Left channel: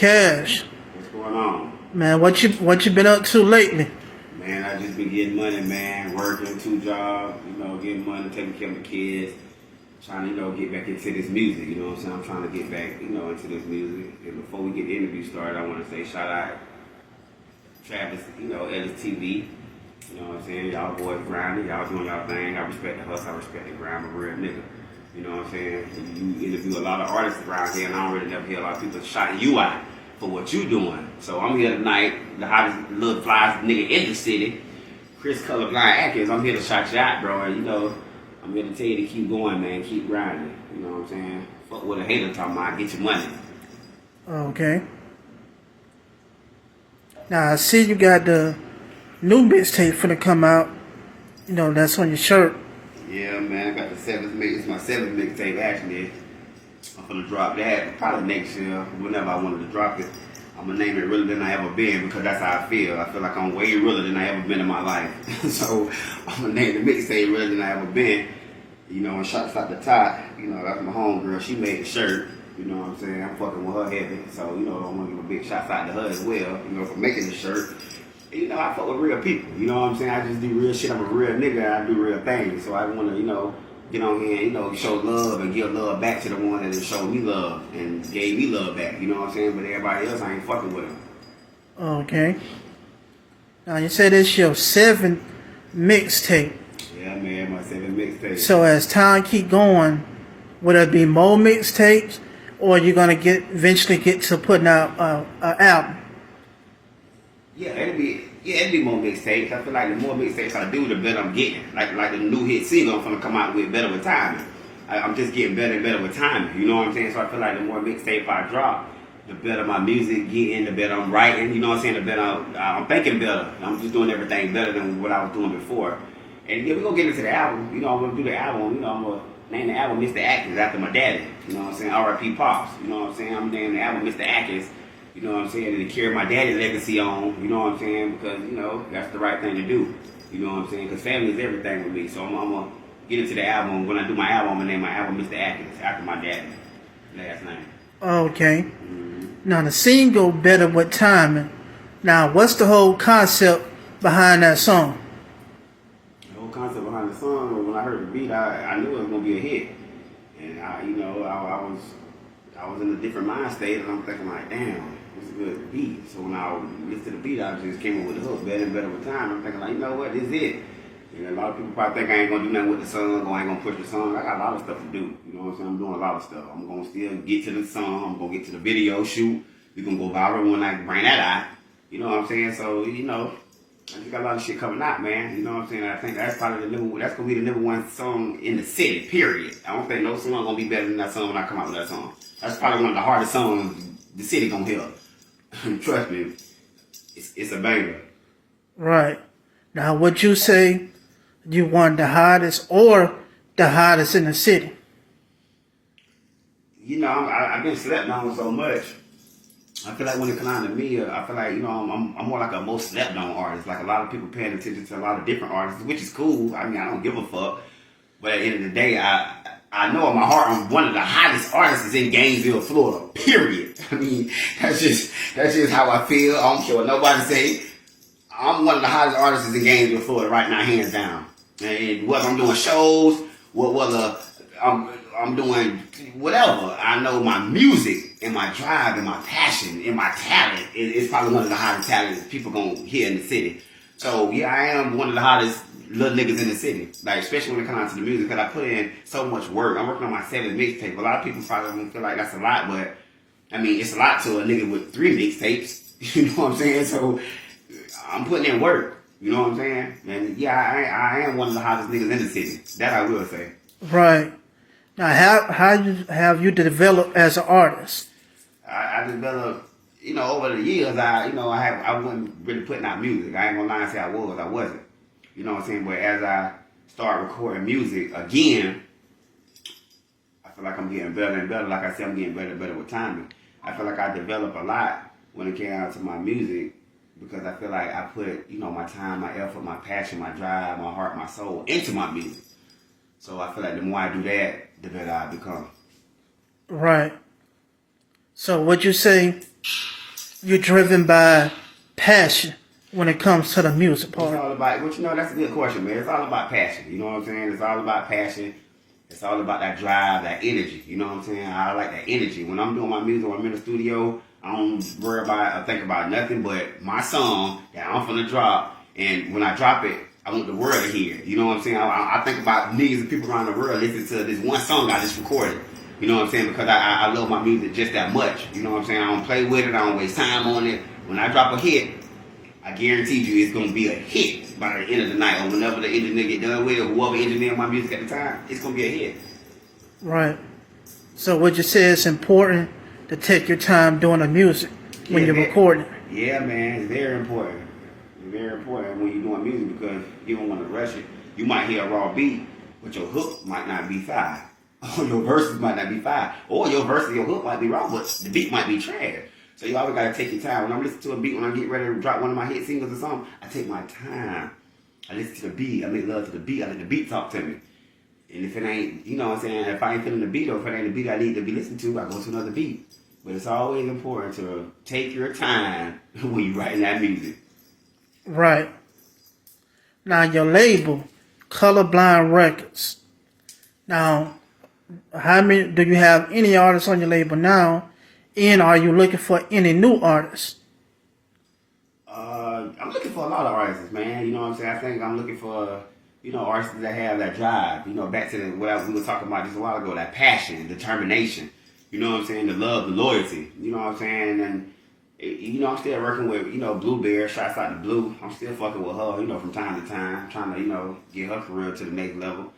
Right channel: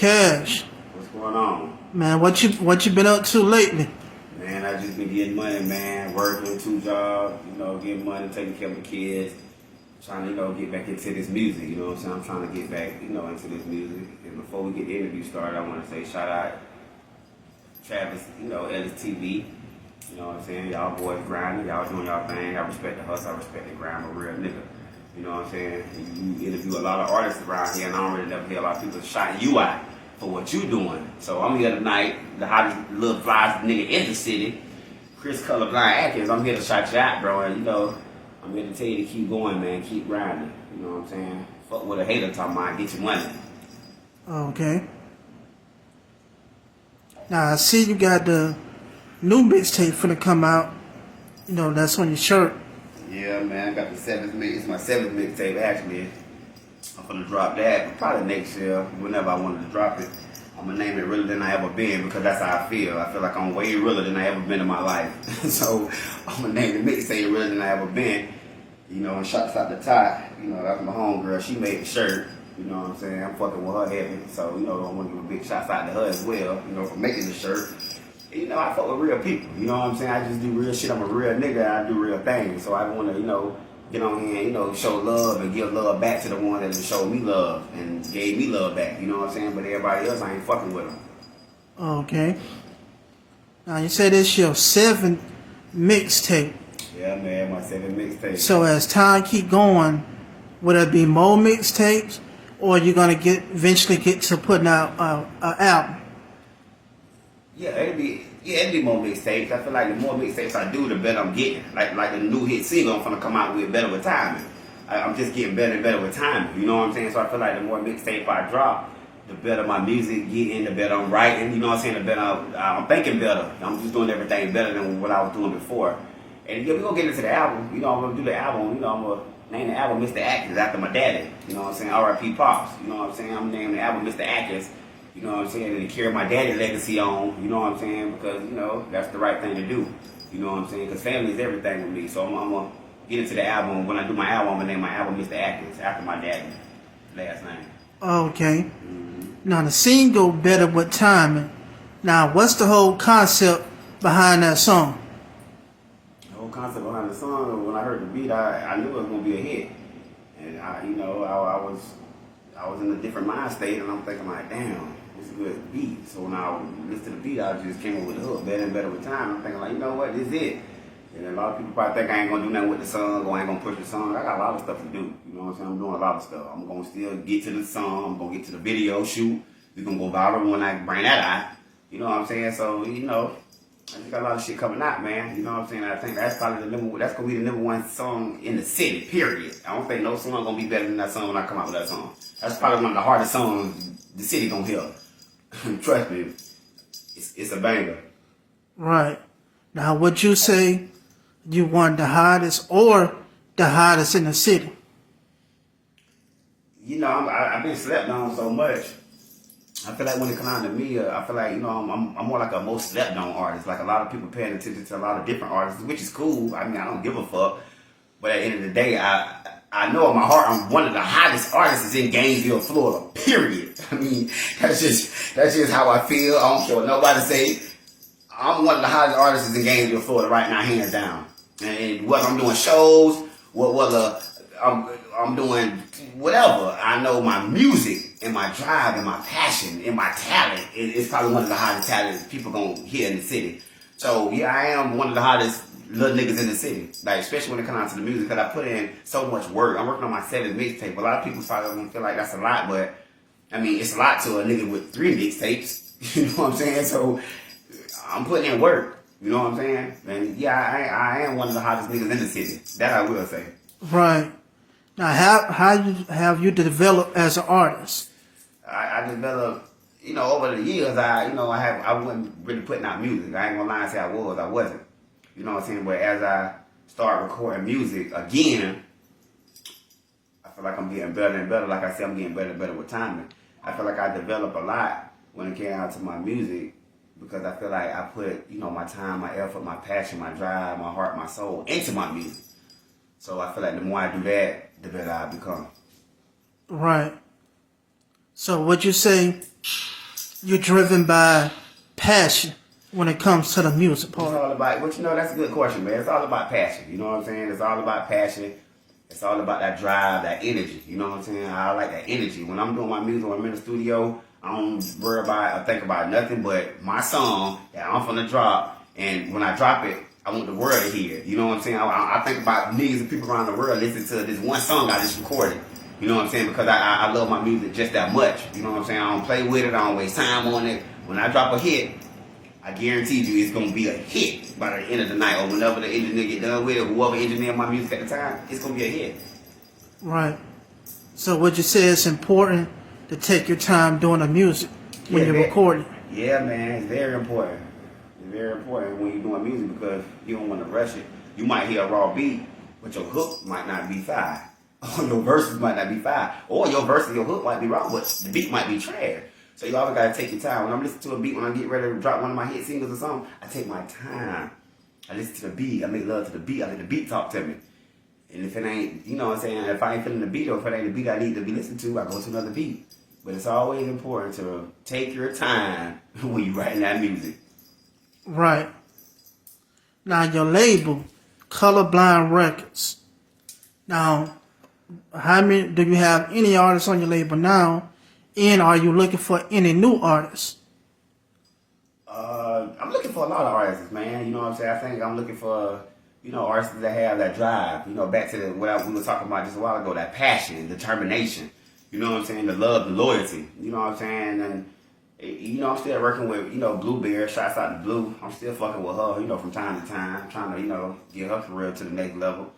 Cash. What's going on? Man, what you been up to lately? Man, I just been getting money, man. Working 2 jobs, getting money, taking care of the kids. Trying to, get back into this music, you know what I'm saying? I'm trying to get back, into this music. And before we get the interview started, I want to say shout out Travis, Ellis TV. You know what I'm saying? Y'all boys grinding, y'all doing y'all thing. I respect the hustle, I respect the grind. I'm a real nigga. You know what I'm saying? You interview a lot of artists around here, and I don't really never hear a lot of people shouting you out for what you doing. So I'm here tonight, the hottest little flies nigga in the city, Chris Colorblind Atkins. I'm here to shout you out, bro. And I'm here to tell you to keep going, man. Keep grinding. You know what I'm saying? Fuck with a hater talking about get your money. Okay. Now I see you got the new mixtape finna come out. That's on your shirt. Yeah, man. I got the 7th mix. It's my 7th mixtape actually. I'm gonna drop that probably next year, whenever I wanted to drop it. I'm gonna name it Realer Than I Ever Been because that's how I feel. I feel like I'm way realer than I ever been in my life. So I'm gonna name the mixtape Realer Than I Ever Been. And shots out the top. That's my homegirl. She made the shirt. You know what I'm saying? I'm fucking with her heavy. So, I want to give a big shout out to her as well, for making the shirt. I fuck with real people. You know what I'm saying? I just do real shit. I'm a real nigga. I do real things. So I want to, get on here and, show love and give love back to the one that showed me love and gave me love back. You know what I'm saying? But everybody else, I ain't fucking with them. Okay. Now you said it's your 7th mixtape. Yeah, man, my 7th mixtape. So as time keep going, will there be more mixtapes, or are you gonna eventually get to putting out an album? Yeah, it'd be more mixtapes. I feel like the more mixtapes I do, the better I'm getting. Like the new hit single I'm gonna come out with, Better With Timing. I'm just getting better and better with timing. You know what I'm saying? So I feel like the more mixtape I drop, the better my music getting, the better I'm writing. You know what I'm saying? The better I'm thinking better. I'm just doing everything better than what I was doing before. And we're gonna get into the album. I'm gonna do the album. I'm gonna name the album Mr. Atkins after my daddy. You know what I'm saying? R.I.P. Pops. You know what I'm saying? I'm naming the album Mr. Atkins. You know what I'm saying? And to carry my daddy's legacy on. You know what I'm saying? Because, that's the right thing to do. You know what I'm saying? Because family is everything with me. So I'm gonna get into the album. When I do my album, I'm gonna name my album Mr. Atkins after my daddy's last name. Okay. Now the single Better With Timing. Now what's the whole concept behind that song? Concept behind the song, when I heard the beat, I knew it was gonna be a hit, and I was in a different mind state, and I'm thinking like, damn, this is a good beat. So when I listened to the beat, I just came up with the hook, better with time. I'm thinking like, you know what, this is it. And a lot of people probably think I ain't gonna do nothing with the song, or I ain't gonna push the song. I got a lot of stuff to do. You know what I'm saying? I'm doing a lot of stuff. I'm gonna still get to the song. I'm gonna get to the video shoot. We gonna go viral when I bring that out. You know what I'm saying? So I just got a lot of shit coming out, man. You know what I'm saying? I think that's probably that's gonna be the #1 song in the city, period. I don't think no song gonna be better than that song when I come out with that song. That's probably one of the hardest songs the city gonna hear. Trust me, it's a banger. Right. Now would you say you want the hottest or the hottest in the city? I've been slept on so much. I feel like when it comes down to me, I feel like, I'm more like a most slept on artist. Like a lot of people paying attention to a lot of different artists, which is cool. I mean, I don't give a fuck. But at the end of the day, I know in my heart I'm one of the hottest artists in Gainesville, Florida, period. I mean, that's just how I feel. I don't care what nobody say. I'm one of the hottest artists in Gainesville, Florida right now, hands down. And whether I'm doing shows, whether I'm doing whatever, I know my music and my drive and my passion and my talent is probably one of the hottest talents people gonna hear in the city. So yeah, I am one of the hottest little niggas in the city. Like especially when it comes to the music, because I put in so much work. I'm working on my 7th mixtape. A lot of people probably don't feel like that's a lot, but I mean it's a lot to a nigga with 3 mixtapes. You know what I'm saying? So I'm putting in work. You know what I'm saying? And yeah, I am one of the hottest niggas in the city. That I will say. Right. Now, how have you developed as an artist? I developed, over the years. I wasn't really putting out music. I ain't gonna lie and say I wasn't. You know what I'm saying? But as I start recording music again, I feel like I'm getting better and better. Like I said, I'm getting better and better with timing. I feel like I developed a lot when it came out to my music because I feel like I put, my time, my effort, my passion, my drive, my heart, my soul into my music. So I feel like the more I do that, the better I become. Right. So would you say you're driven by passion when it comes to the music It's part? all about, but that's a good question, man. It's all about passion. You know what I'm saying? It's all about passion. It's all about that drive, that energy. You know what I'm saying? I like that energy. When I'm doing my music, when I'm in the studio, I don't worry about or think about nothing but my song that I'm finna drop. And when I drop it, I want the world to hear it. You know what I'm saying? I think about millions of people around the world listening to this one song I just recorded. You know what I'm saying? Because I love my music just that much. You know what I'm saying? I don't play with it. I don't waste time on it. When I drop a hit, I guarantee you it's gonna be a hit by the end of the night, or whenever the engineer get done with it, whoever engineered my music at the time, it's gonna be a hit. Right. So would you say it's important to take your time doing the music when you're recording? Yeah, man, it's very important. It's very important when you're doing music because you don't want to rush it. You might hear a raw beat, but your hook might not be fire. Or your verses might not be fire. Or your verse and your hook might be wrong, but the beat might be trash. So you always gotta take your time. When I'm listening to a beat, when I get ready to drop one of my hit singles or something, I take my time. I listen to the beat. I make love to the beat. I let the beat talk to me. And if it ain't, you know what I'm saying, if I ain't feeling the beat or if it ain't the beat I need to be listening to, I go to another beat. But it's always important to take your time when you're writing that music. Right. Now your label, Colorblind Records. Now, how many do you have any artists on your label now? And are you looking for any new artists? I'm looking for a lot of artists, man. You know what I'm saying? I think I'm looking for, artists that have that drive. Back to what we were talking about just a while ago, that passion and determination. You know what I'm saying? The love, the loyalty. You know what I'm saying? And, I'm still working with, Blueberry. Shouts out to Blue. I'm still fucking with her, from time to time, trying to, get her career to the next level.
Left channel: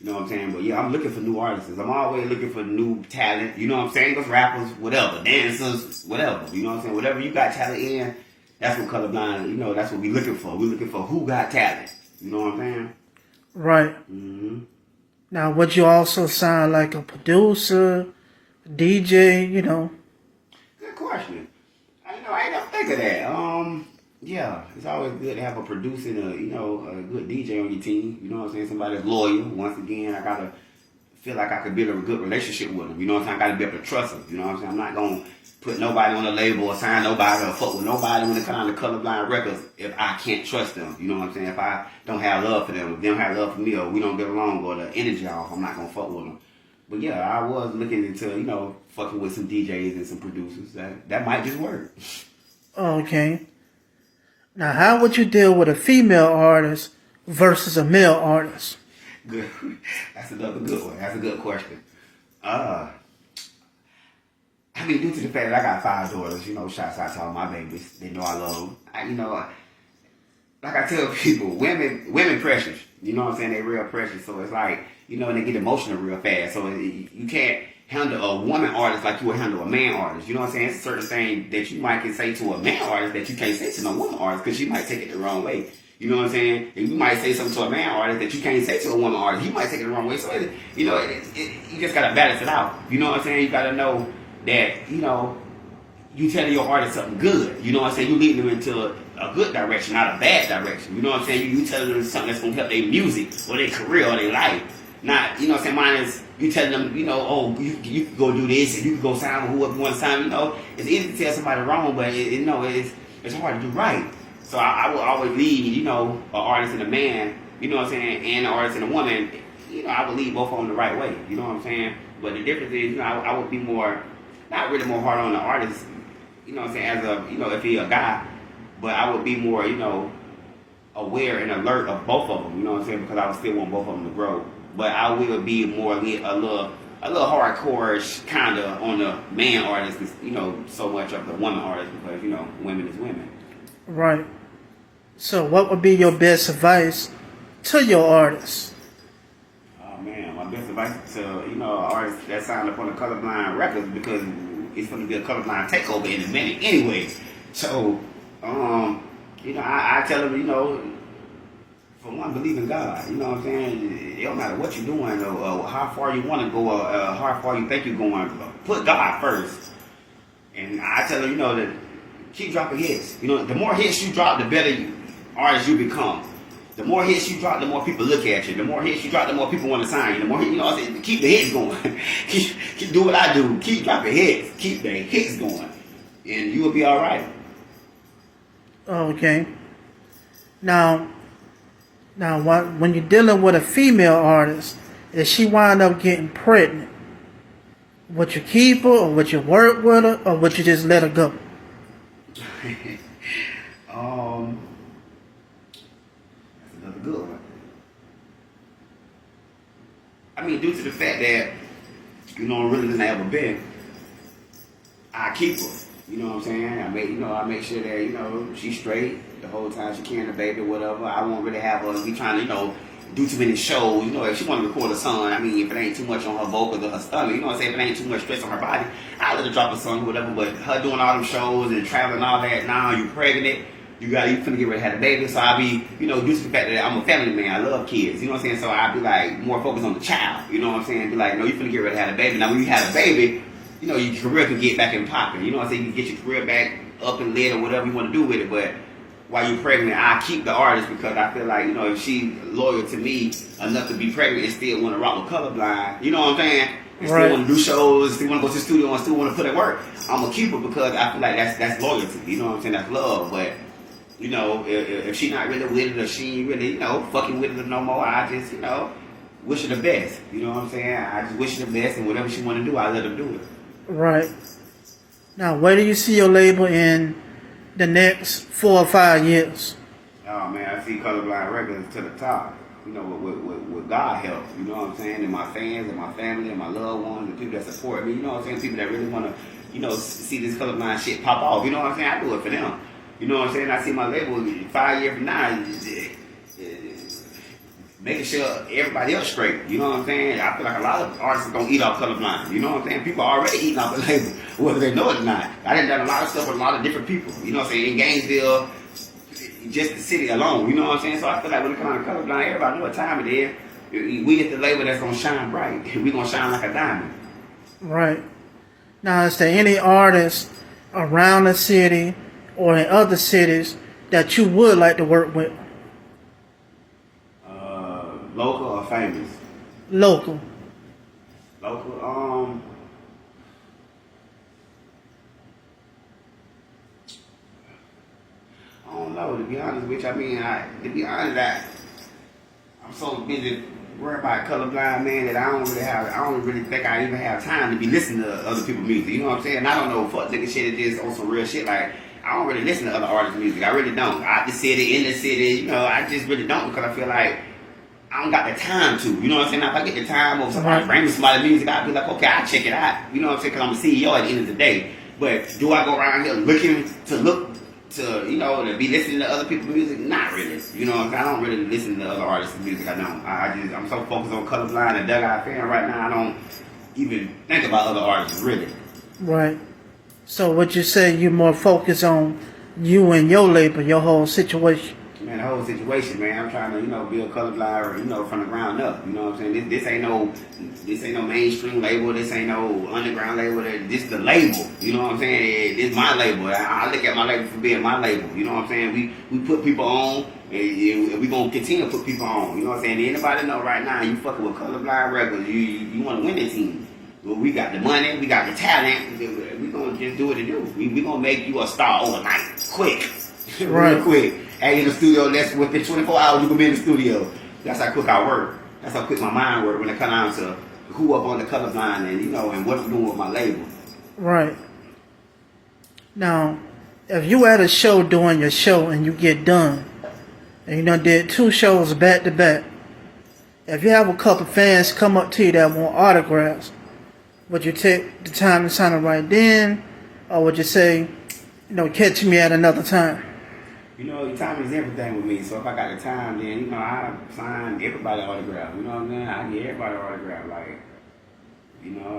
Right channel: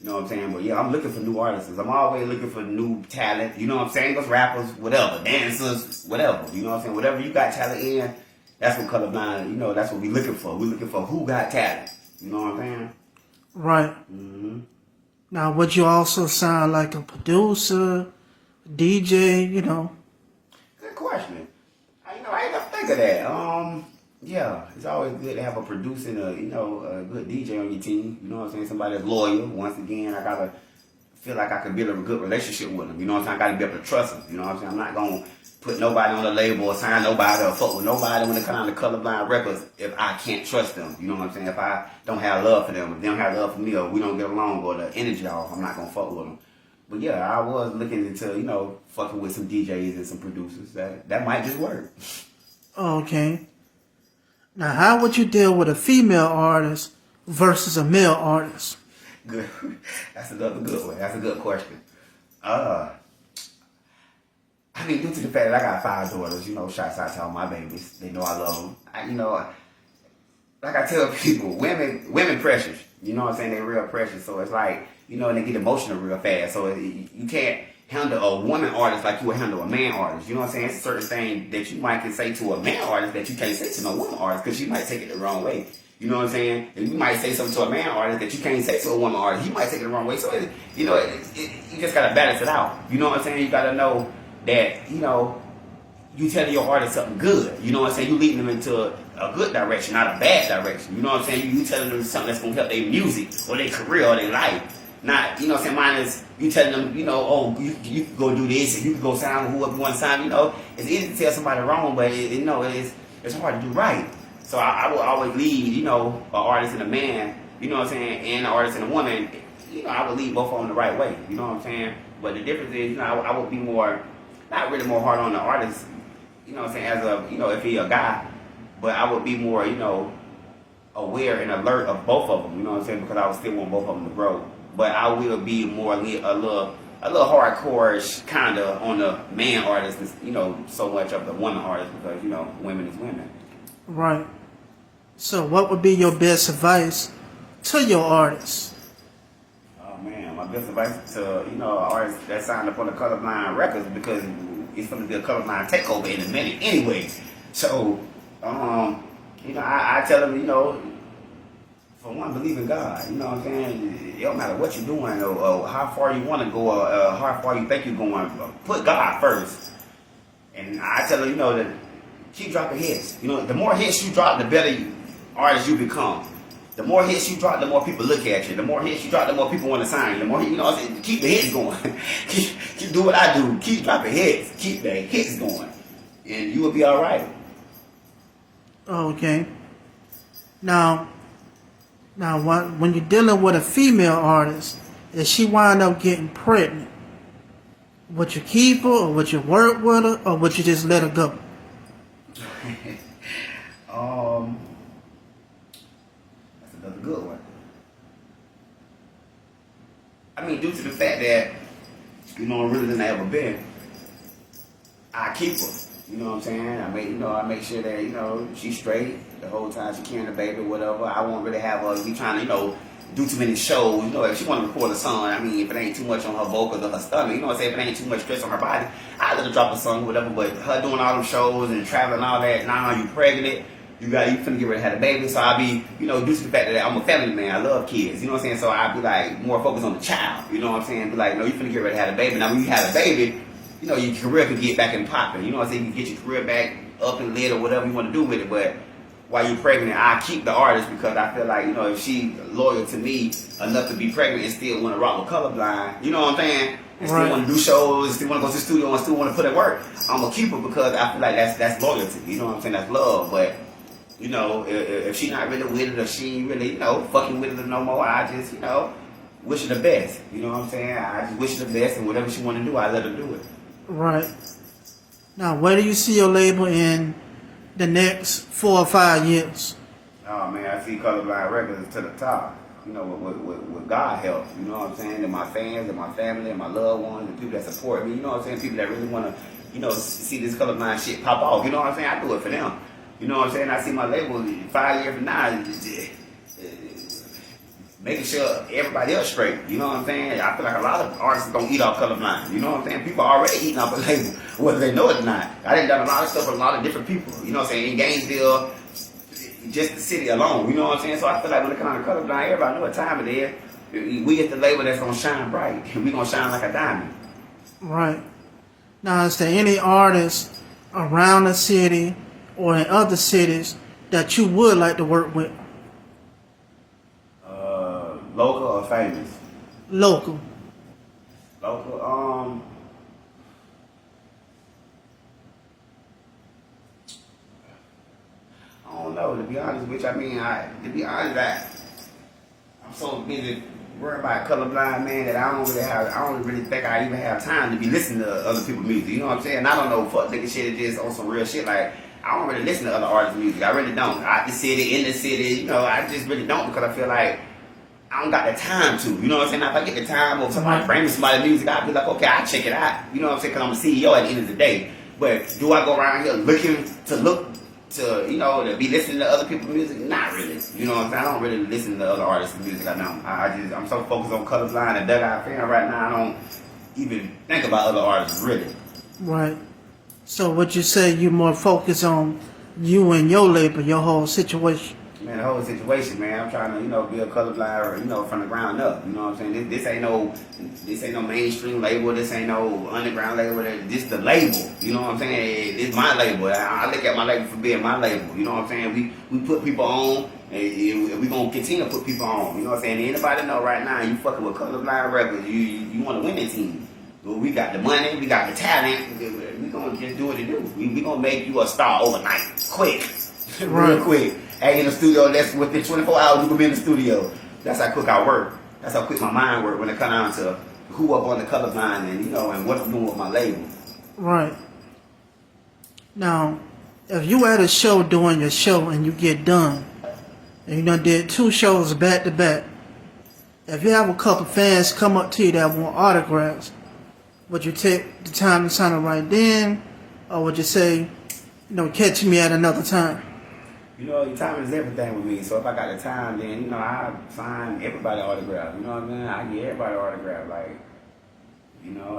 You know what I'm saying? But yeah, I'm looking for new artists. I'm always looking for new talent. You know what I'm saying? Those rappers, whatever, dancers, whatever. You know what I'm saying? Whatever you got talent in, that's what Colorblind, that's what we looking for. We're looking for who got talent. You know what I'm saying? Right. Mm-hmm. Now, would you also sound like a producer, DJ, Good question. I ain't never think of that. Yeah, it's always good to have a producer and a good DJ on your team. You know what I'm saying? Somebody that's loyal. Once again, I gotta feel like I could build a good relationship with them. You know what I'm saying? I gotta be able to trust them. You know what I'm saying? I'm not gonna put nobody on a label or sign nobody or fuck with nobody when it comes down to Colorblind Records if I can't trust them. You know what I'm saying? If I don't have love for them, if they don't have love for me, or we don't get along, or the energy off, I'm not gonna fuck with them. But yeah, I was looking into, fucking with some DJs and some producers. That might just work. Okay. Now, how would you deal with a female artist versus a male artist? Good. That's another good one. That's a good question. Due to the fact that I got 5 daughters, shouts out to all my babies. They know I love them. Like I tell people, women precious. You know what I'm saying? They real precious. So it's like, they get emotional real fast. So you can't handle a woman artist like you would handle a man artist. You know what I'm saying? It's a certain thing that you might can say to a man artist that you can't say to no woman artist because she might take it the wrong way. You know what I'm saying? And you might say something to a man artist that you can't say to a woman artist. He might take it the wrong way. So, you just got to balance it out. You know what I'm saying? You got to know that, you telling your artist something good. You know what I'm saying? You leading them into a good direction, not a bad direction. You know what I'm saying? You telling them something that's going to help their music or their career or their life. Not, you know what I'm saying? Mine is you telling them, you can go do this and you can go sign with whoever you want to sign. It's easy to tell somebody wrong, but it's hard to do right. So I will always lead, an artist and a man, you know what I'm saying, and an artist and a woman. I would lead both of them the right way. You know what I'm saying? But the difference is, I would be more, not really more hard on the artist, you know what I'm saying, as a, if he's a guy, but I would be more, aware and alert of both of them, you know what I'm saying, because I would still want both of them to grow. But I will be more a little hardcore-ish kind of on the man artist, so much of the woman artist because, women is women. Right. So what would be your best advice to your artists? Oh, man, my best advice to, artists that signed up on the Colorblind Records because it's going to be a Colorblind takeover in a minute anyway. So, I tell them, for one, believe in God. You know what I'm saying? It don't matter what you're doing or how far you want to go or how far you think you're going. Put God first. And I tell them, that keep dropping hits. The more hits you drop, the better artist you become. The more hits you drop, the more people look at you. The more hits you drop, the more people want to sign you. The more, keep the hits going. keep do what I do. Keep dropping hits. Keep the hits going. and you will be all right. Okay. Now, when you're dealing with a female artist, if she wind up getting pregnant, would you keep her, or would you work with her, or would you just let her go? That's another good one. I mean, due to the fact that, I'm really than I ever been, I keep her. You know what I'm saying? I make sure that, she's straight the whole time she carrying the baby, whatever. I won't really have her be trying to, do too many shows. If she want to record a song, if it ain't too much on her vocals or her stomach, if it ain't too much stress on her body, I let her drop a song, whatever. But her doing all them shows and traveling and all that, now you pregnant, you finna get ready to have a baby. So I be, due to the fact that I'm a family man, I love kids, So I be like more focused on the child, Be like, no, you finna get ready to have a baby. Now when you have a baby, your career can get back in popping. You can get your career back up and lit or whatever you want to do with it. But while you're pregnant, I keep the artist because I feel like, if she loyal to me enough to be pregnant and still want to rock with Colorblind, you know what I'm saying? And right. Still want to do shows, still want to go to the studio and still want to put in work, I'm going to keep her because I feel like that's loyalty. You know what I'm saying? That's love. But, if she not really with it or she ain't really, fucking with it no more, I just, wish her the best. You know what I'm saying? I just wish her the best and whatever she want to do, I let her do it. Right. Now, where do you see your label in the next 4 or 5 years? Oh man, I see Colorblind Records to the top. With God help. You know what I'm saying? And my fans and my family and my loved ones and people that support me. You know what I'm saying? People that really want to, see this Colorblind shit pop off. You know what I'm saying? I do it for them. You know what I'm saying? I see my label 5 years from now. Making sure everybody else straight. You know what I'm saying? I feel like a lot of artists don't eat off Colorblind. You know what I'm saying? People are already eating off the label, whether they know it or not. I done a lot of stuff with a lot of different people. You know what I'm saying? In Gainesville, just the city alone. You know what I'm saying? So I feel like when it comes to Colorblind, everybody know what time it is. We at the label that's gonna shine bright. We gonna shine like a diamond. Right. Now, is there any artists around the city or in other cities that you would like to work with? Local or famous? Local. Local, I don't know, to be honest with you. I'm so busy worrying about Colorblind, man, that I don't really think I even have time to be listening to other people's music. You know what I'm saying? I don't know, fuck nigga shit, it just on some real shit. Like, I don't really listen to other artists' music. I really don't. Out the city, in the city, I just really don't because I feel like I don't got the time to. You know what I'm saying? Now, if I get the time or somebody bring me somebody's music, I'll be like, okay, I'll check it out. You know what I'm saying? Because I'm a CEO at the end of the day. But do I go around here looking to to be listening to other people's music? Not really. You know what I'm saying? I don't really listen to other artists' music. I don't. I'm so focused on Colorblind and that I feel right now. I don't even think about other artists really. Right. So would you say you're more focused on you and your label, your whole situation? Man, the whole situation, man. I'm trying to, be a Colorblind, from the ground up. You know what I'm saying? This ain't no mainstream label. This ain't no underground label. This the label. You know what I'm saying? It's my label. I look at my label for being my label. You know what I'm saying? We put people on, and we gonna continue to put people on. You know what I'm saying? Anybody know right now? You fucking with Colorblind Records. You want to win the team. Well, we got the money. We got the talent. We gonna just do what to do. We gonna make you a star overnight, quick, Right. real quick. Hey, in the studio, that's within 24 hours, you can be in the studio. That's how quick I work. That's how quick my mind work when it comes down to who up on the Colorblind and, and what I'm doing with my label. Right. Now, if you at a show doing your show and you get done, and you did 2 shows back to back, if you have a couple fans come up to you that want autographs, would you take the time to sign it right then, or would you say, catch me at another time? The time is everything with me. So if I got the time, then, I sign everybody autograph. You know what I mean? I get everybody autograph. Like,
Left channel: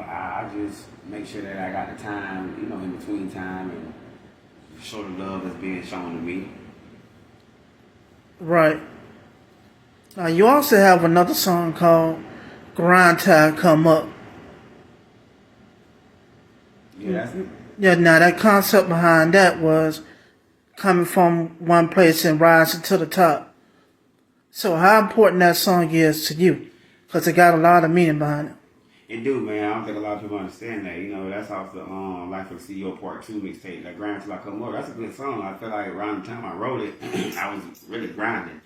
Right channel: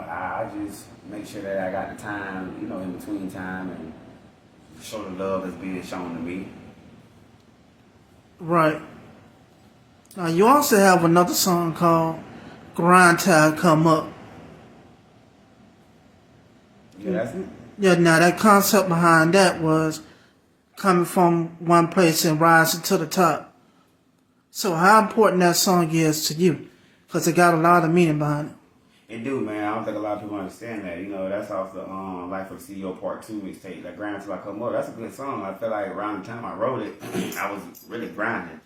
I just make sure that I got the time, in between time and show the love that's being shown to me. Right. Now, you also have another song called Grind Time Come Up. Yeah, that's it. Yeah, now that concept behind that was coming from one place and rising to the top. So how important that song is to you? Because it got a lot of meaning behind it. It do, man. I don't think a lot of people understand that. You know, that's off the Life of the CEO Part 2 mixtape, that Grind Till I Come Up. That's a good song. I feel like around the time I wrote it, I was really grinding.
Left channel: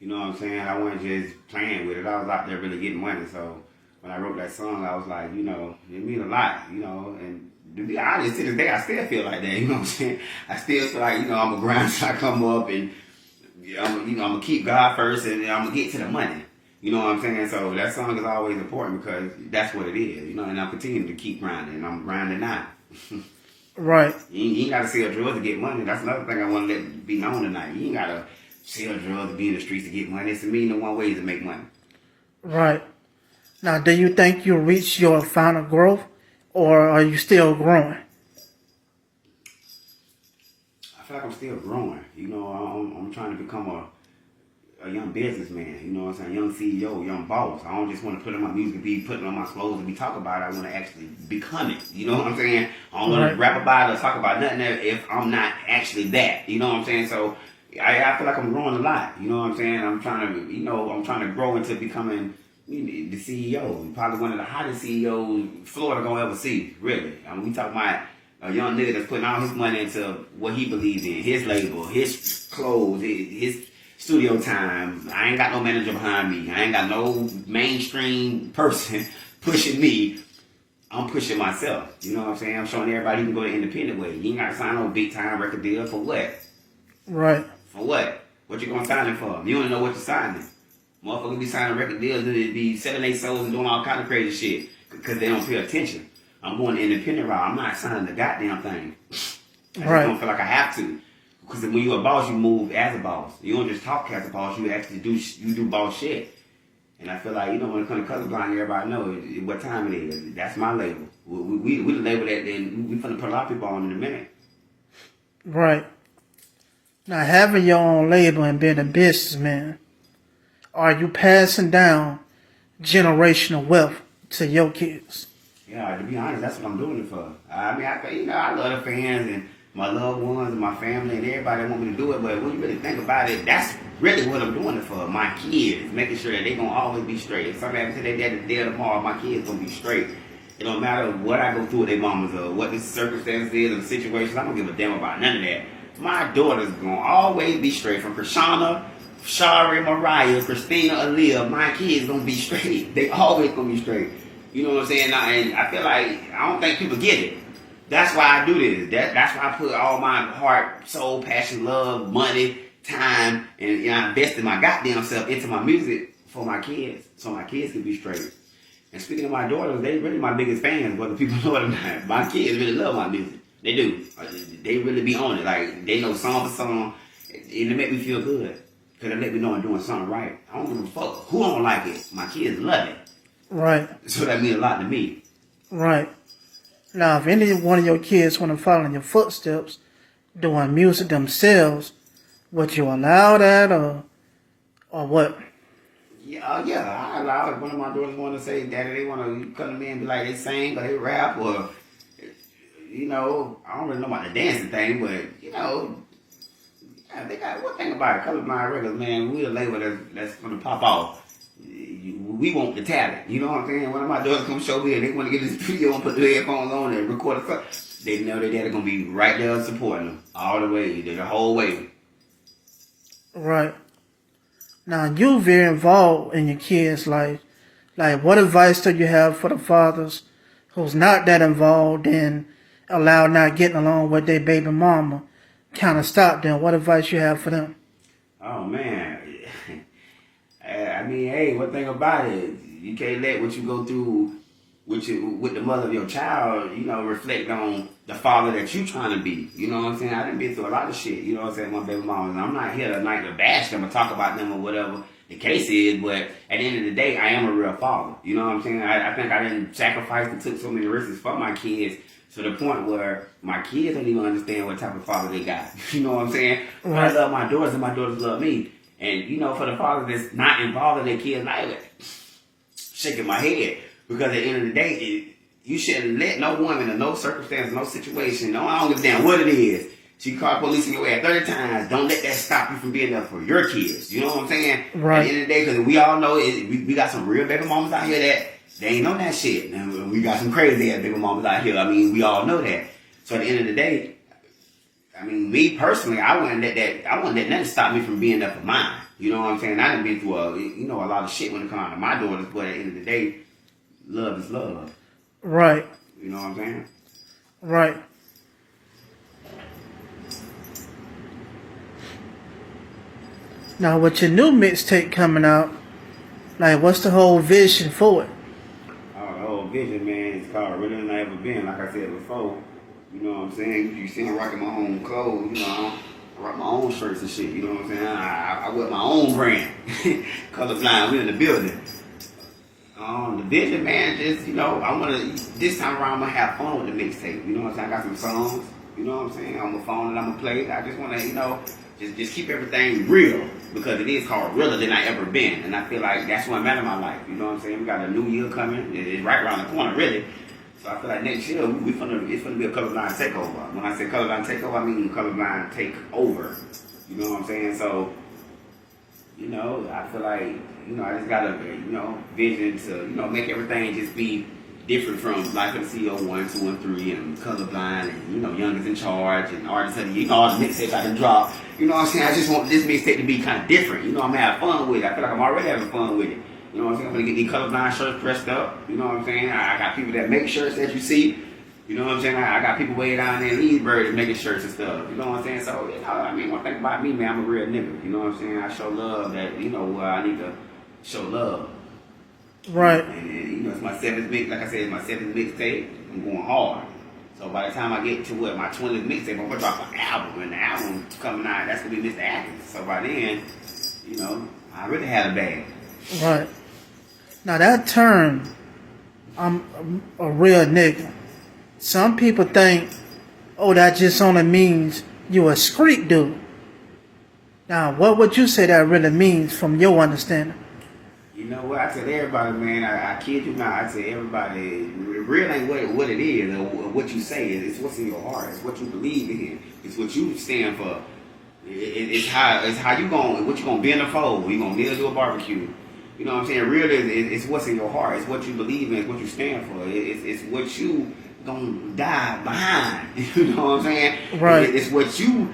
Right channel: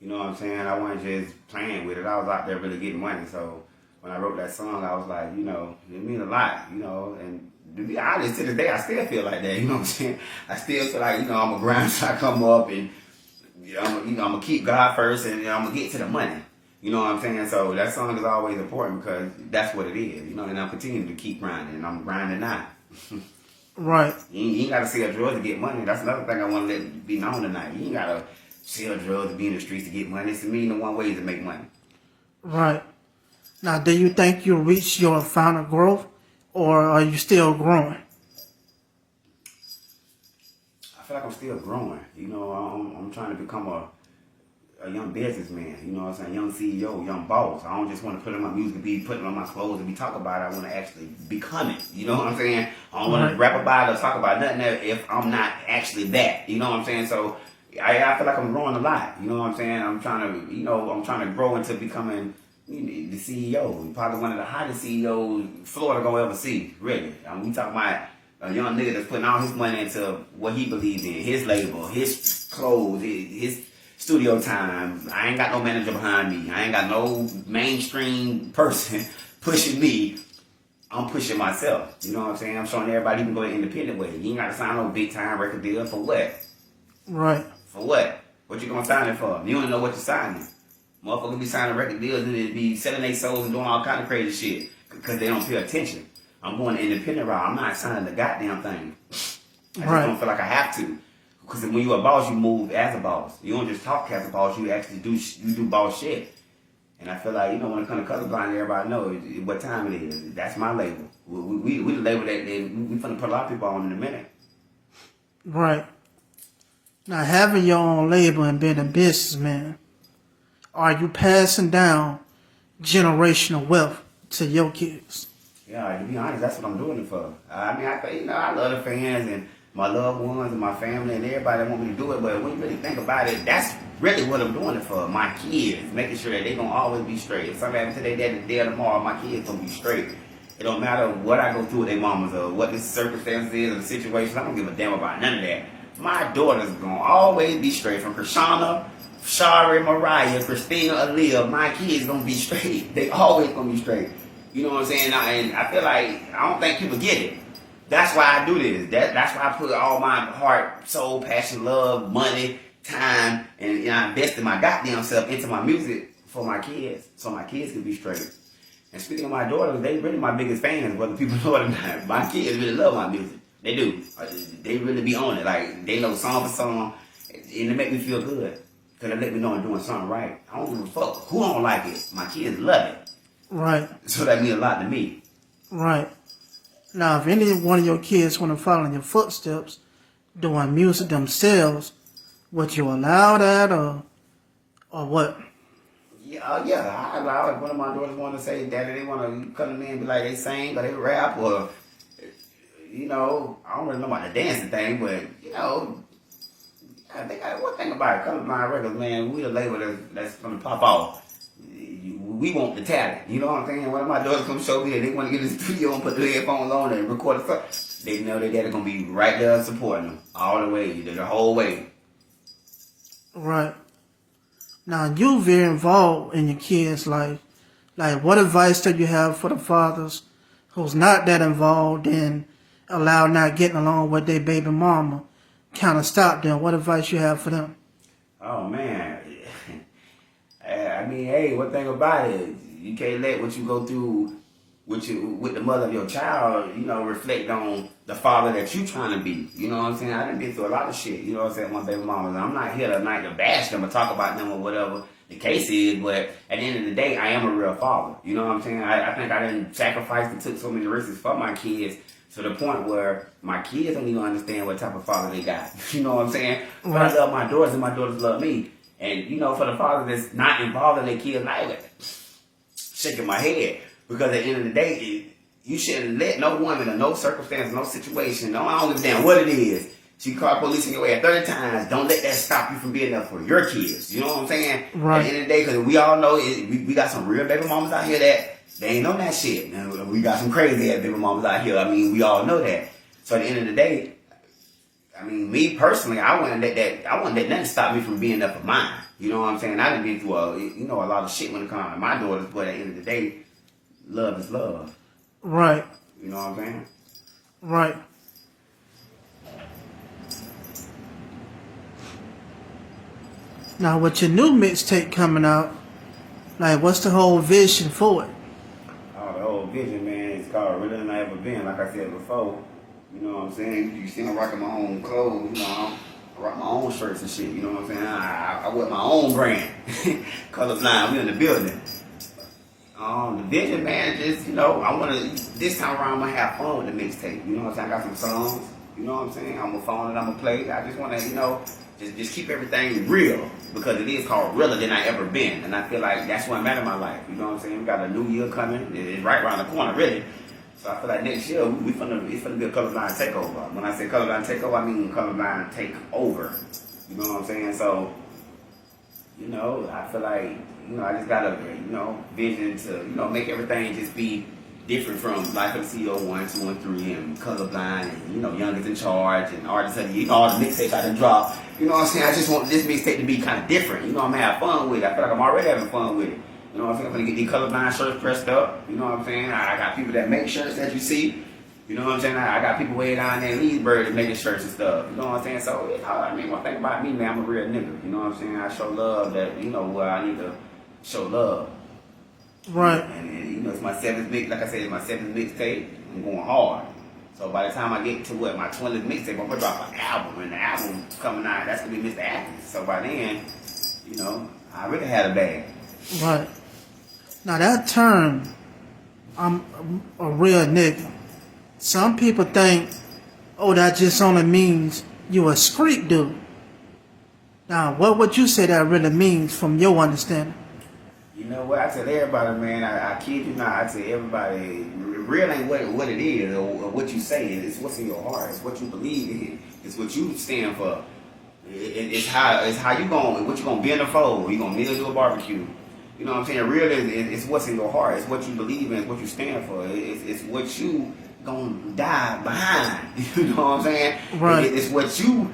You know what I'm saying? I wasn't just playing with it. I was out there really getting money. So when I wrote that song, I was like, you know, it means a lot, you know. And to be honest, to this day, I still feel like that. You know what I'm saying? I still feel like, you know, I'm a grind till I come up, and I'm gonna keep God first, and I'm gonna get to the money. You know what I'm saying? So that song is always important because that's what it is. You know, and I'm continuing to keep grinding, and I'm grinding now. Right. You ain't got to sell drugs to get money. That's another thing I want to let be known tonight. You ain't got to sell drugs to be in the streets to get money. It's the one way to make money. Right. Now, do you think you reached your final growth, or are you still growing? I feel like I'm still growing. You know, I'm trying to become a young businessman. You know what I'm saying? Young CEO, young boss. I don't just want to put on my music, be putting on my clothes and be talking about it. I want to actually become it. You know what I'm saying? I don't want to rap about it or talk about nothing if I'm not actually that. You know what I'm saying? So I feel like I'm growing a lot. You know what I'm saying? I'm trying to grow into becoming the CEO. Probably one of the hottest CEOs Florida gonna ever see. Really. I mean, we talking about a young nigga that's putting all his money into what he believes in, his label, his clothes, his studio time. I ain't got no manager behind me. I ain't got no mainstream person pushing me. I'm pushing myself. You know what I'm saying? I'm showing everybody you can go the independent way. You ain't got to sign no big time record deal for what? Right. For what? What you gonna sign it for? You don't know what you're signing. Motherfuckers be signing record deals and they be selling their souls and doing all kind of crazy shit because they don't pay attention. I'm going the independent route. I'm not signing the goddamn thing. I just don't feel like I have to. Because when you're a boss, you move as a boss. You don't just talk as a boss. You actually do boss shit. And I feel like, you know, when it comes to Colorblind, everybody knows what time it is. That's my label. We the label that we finna put a lot of people on in a minute. Right. Now, having your own label and being a businessman, are you passing down generational wealth to your kids? Yeah, to be honest, that's what I'm doing it for. I mean, I love the fans and my loved ones and my family and everybody that want me to do it, but when you really think about it, that's really what I'm doing it for. My kids, making sure that they're going to always be straight. If something happens to their dad today or tomorrow, my kids going to be straight. It don't matter what I go through with their mamas or what the circumstances is or the situation. I don't give a damn about none of that. My daughter's going to always be straight. From Krishana, Shari, Mariah, Christina, Aaliyah, my kids going to be straight. They always going to be straight. You know what I'm saying? And I feel like, I don't think people get it. That's why I do this. That's why I put all my heart, soul, passion, love, money, time, and I invested my goddamn self into my music for my kids, so my kids can be straight. And speaking of my daughters, they really my biggest fans, whether people know it or not. My kids really love my music. They do. They really be on it. Like, they know song for song, and it make me feel good. Because they let me know I'm doing something right. I don't give a fuck who don't like it. My kids love it. Right. So that means a lot to me. Right. Now, if any one of your kids want to follow in your footsteps, doing music themselves, would you allow that or what? Yeah, I allow it. One of my daughters want to say, Daddy, they want to come to me and be like, they sing or they rap or, you know, I don't really know about the dancing thing, but, you know, I think one thing about it, Colorblind Records, man, we a label that's going to pop off. We want the talent. You know what I'm saying? One of my daughters come show me and they want to get in the studio and put the headphones on and record the stuff. They know that they're going to be right there supporting them all the way, the whole way. Right. Now, you very involved in your kids' life. Like, what advice do you have for the fathers who's not that involved and allowed not getting along with their baby mama? Kind of stop them. What advice you have for them? Oh, man. I mean, hey, one thing about it, you can't let what you go through with the mother of your child, you know, reflect on the father that you trying to be. You know what I'm saying? I done been through a lot of shit. You know what I'm saying? My baby mamas. I'm not here tonight to bash them or talk about them or whatever the case is, but at the end of the day, I am a real father. You know what I'm saying? I think I done sacrificed and took so many risks for my kids to the point where my kids don't even understand what type of father they got. You know what I'm saying? Right. I love my daughters and my daughters love me. And, you know, for the father that's not involved in their kids' life, shaking my head. Because at the end of the day, you shouldn't let no woman in no circumstance, no situation, I don't give a damn what it is. She called police in your ass 30 times. Don't let that stop you from being there for your kids. You know what I'm saying? Right. At the end of the day, because we all know we got some real baby mamas out here that They ain't on that shit. And we got some crazy ass baby mamas out here. I mean, we all know that. So at the end of the day, I mean, me personally, I wouldn't let nothing stop me from being up for mine. You know what I'm saying? I done been through a lot of shit when it comes to my daughters, but at the end of the day, love is love. Right. You know what I'm saying? Right. Now, with your new mixtape coming out, like, what's the whole vision for it? Oh, the whole vision, man, it's called Realer Than I Ever Been, like I said before. You know what I'm saying? You see I'm rocking my own clothes, you know, I rock my own shirts and shit, you know what I'm saying? I wear my own brand. Colorblind, we in the building. The vision, man, just, you know, this time around, I'm going to have fun with the mixtape. You know what I'm saying? I got some songs, you know what I'm saying? I'm going to phone and I'm going to play. I just want to, you know, just keep everything real, because it is called Realer Than I Ever Been. And I feel like that's what matters in my life. You know what I'm saying? We got a new year coming. It's right around the corner, really. So I feel like next year, it's going to be a Colorblind takeover. When I say Colorblind takeover, I mean Colorblind takeover. You know what I'm saying? So, you know, I feel like, you know, I just got a, you know, vision to, you know, make everything just be different from Life of the CEO 1, 2, and 3, and Colorblind, and, you know, Youngest in Charge, and Artists, and, you know, all the mixtapes I done dropped. You know what I'm saying? I just want this mixtape to be kind of different. You know, I'm going to have fun with it. I feel like I'm already having fun with it. You know what I'm saying? I'm going to get these Colorblind shirts pressed up. You know what I'm saying? I got people that make shirts that you see. You know what I'm saying? I got people way down there in Leesburg making shirts and stuff. You know what I'm saying? So, you know, I mean, one thing about me, man, I'm a real nigga. You know what I'm saying? I show love that, you know, I need to show love. Right. And you know, it's my 7th mix. Like I said, it's my 7th mixtape. I'm going hard. So by the time I get to my 20th mixtape, I'm gonna drop an album, and the album coming out, that's gonna be Mr. Atkins. So by then, you know, I really had a bag. Right. Now that term, I'm a real nigga. Some people think, oh, that just only means you a street dude. Now, what would you say that really means from your understanding? You know what? I tell everybody, man, I kid you not, I tell everybody, real ain't what it is, or what you say. It's what's in your heart. It's what you believe in. It's what you stand for. It's how you going, what you going to bend the fold. You going to kneel to a barbecue. You know what I'm saying? Real it's what's in your heart. It's what you believe in. It's what you stand for. It's what you going to die behind. You know what I'm saying? Right. It's what you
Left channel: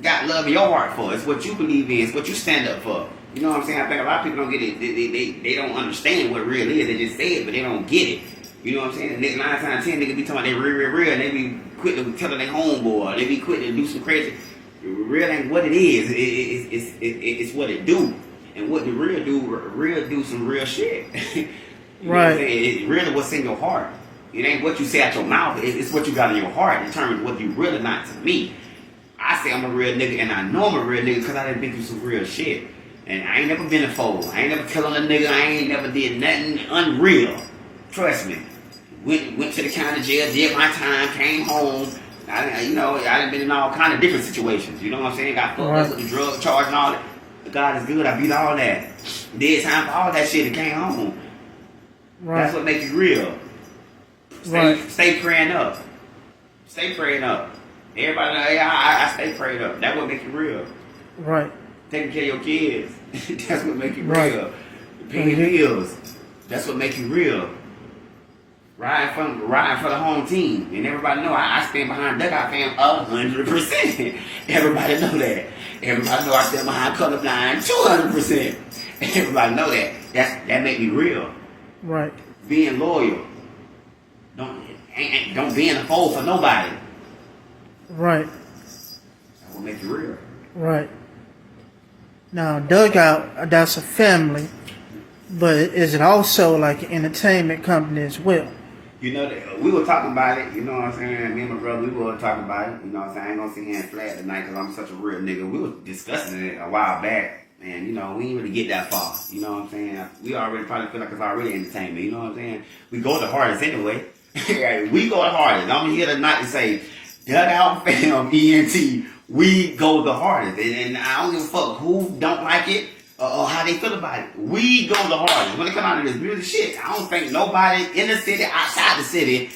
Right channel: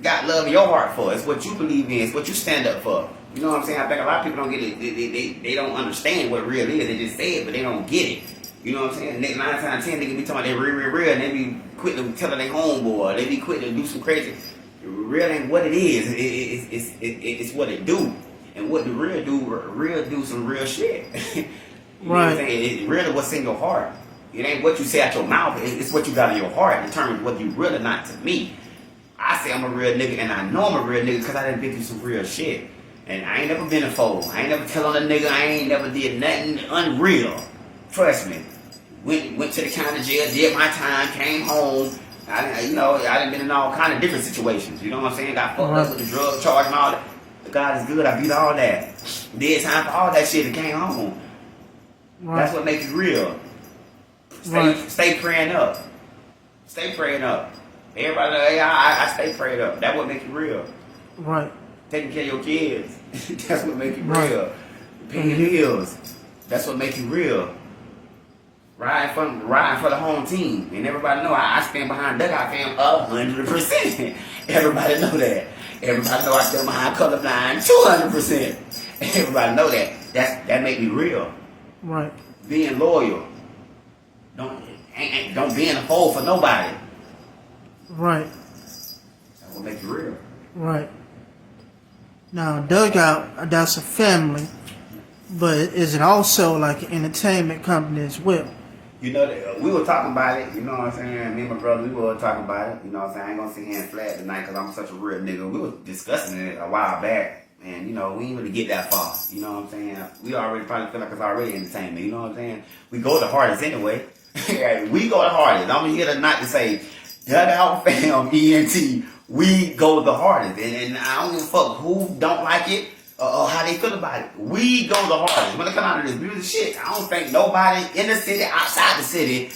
got love in your heart for. It's what you believe in. It's what you stand up for. You know what I'm saying? I think a lot of people don't get it. They don't understand what real is. They just say it, but they don't get it. You know what I'm saying? Nigga, 9 times out of 10, niggas be talking about they real, and they be quick to tell their homeboy. They be quick to do some crazy. Real ain't what it is. It's what it do. And what the real do some real shit. Right. It's really what's in your heart. It ain't what you say out your mouth. It's what you got in your heart. It determines what you really not to me. I say I'm a real nigga, and I know I'm a real nigga because I done been through some real shit. And I ain't never been a fool. I ain't never killed a nigga. I ain't never did nothing unreal. Trust me. Went to the county jail, did my time, came home. I done been in all kind of different situations. You know what I'm saying? Got fucked up with the drug charge and all that. But God is good. I beat all that. Did time for all that shit and came home. Right. That's what makes you real. Stay praying up. Stay praying up. Everybody, I stay prayed up. That's what makes you real. Right. Taking care of your kids. That's what makes you Right. real. Paying bills. That's what makes you real. Riding for the home team. And everybody know I stand behind Dugout Fam 100%. Everybody know that. Everybody know I stand behind Colorblind 200%. Everybody know that. That make me real. Right. Being loyal. Don't be in a fold for nobody. Right. That will make you real. Right. Now, Dugout, that's a family, but is it also like an entertainment company as well? You know, we were talking about it, you know what I'm saying? Me and my brother, we were talking about it, you know what I'm saying? I ain't gonna sit here and flat tonight because I'm such a real nigga. We were discussing it a while back, and, you know, we didn't really get that far, you know what I'm saying? We already probably feel like it's already entertainment, you know what I'm saying? We go the hardest anyway. We go the hardest. I'm here tonight to say, Dugout Fam, ENT, we go the hardest. And I don't give a fuck who don't like it or how they feel about it. We go the hardest. When it come out of this music shit, I don't think nobody in the city, outside the city,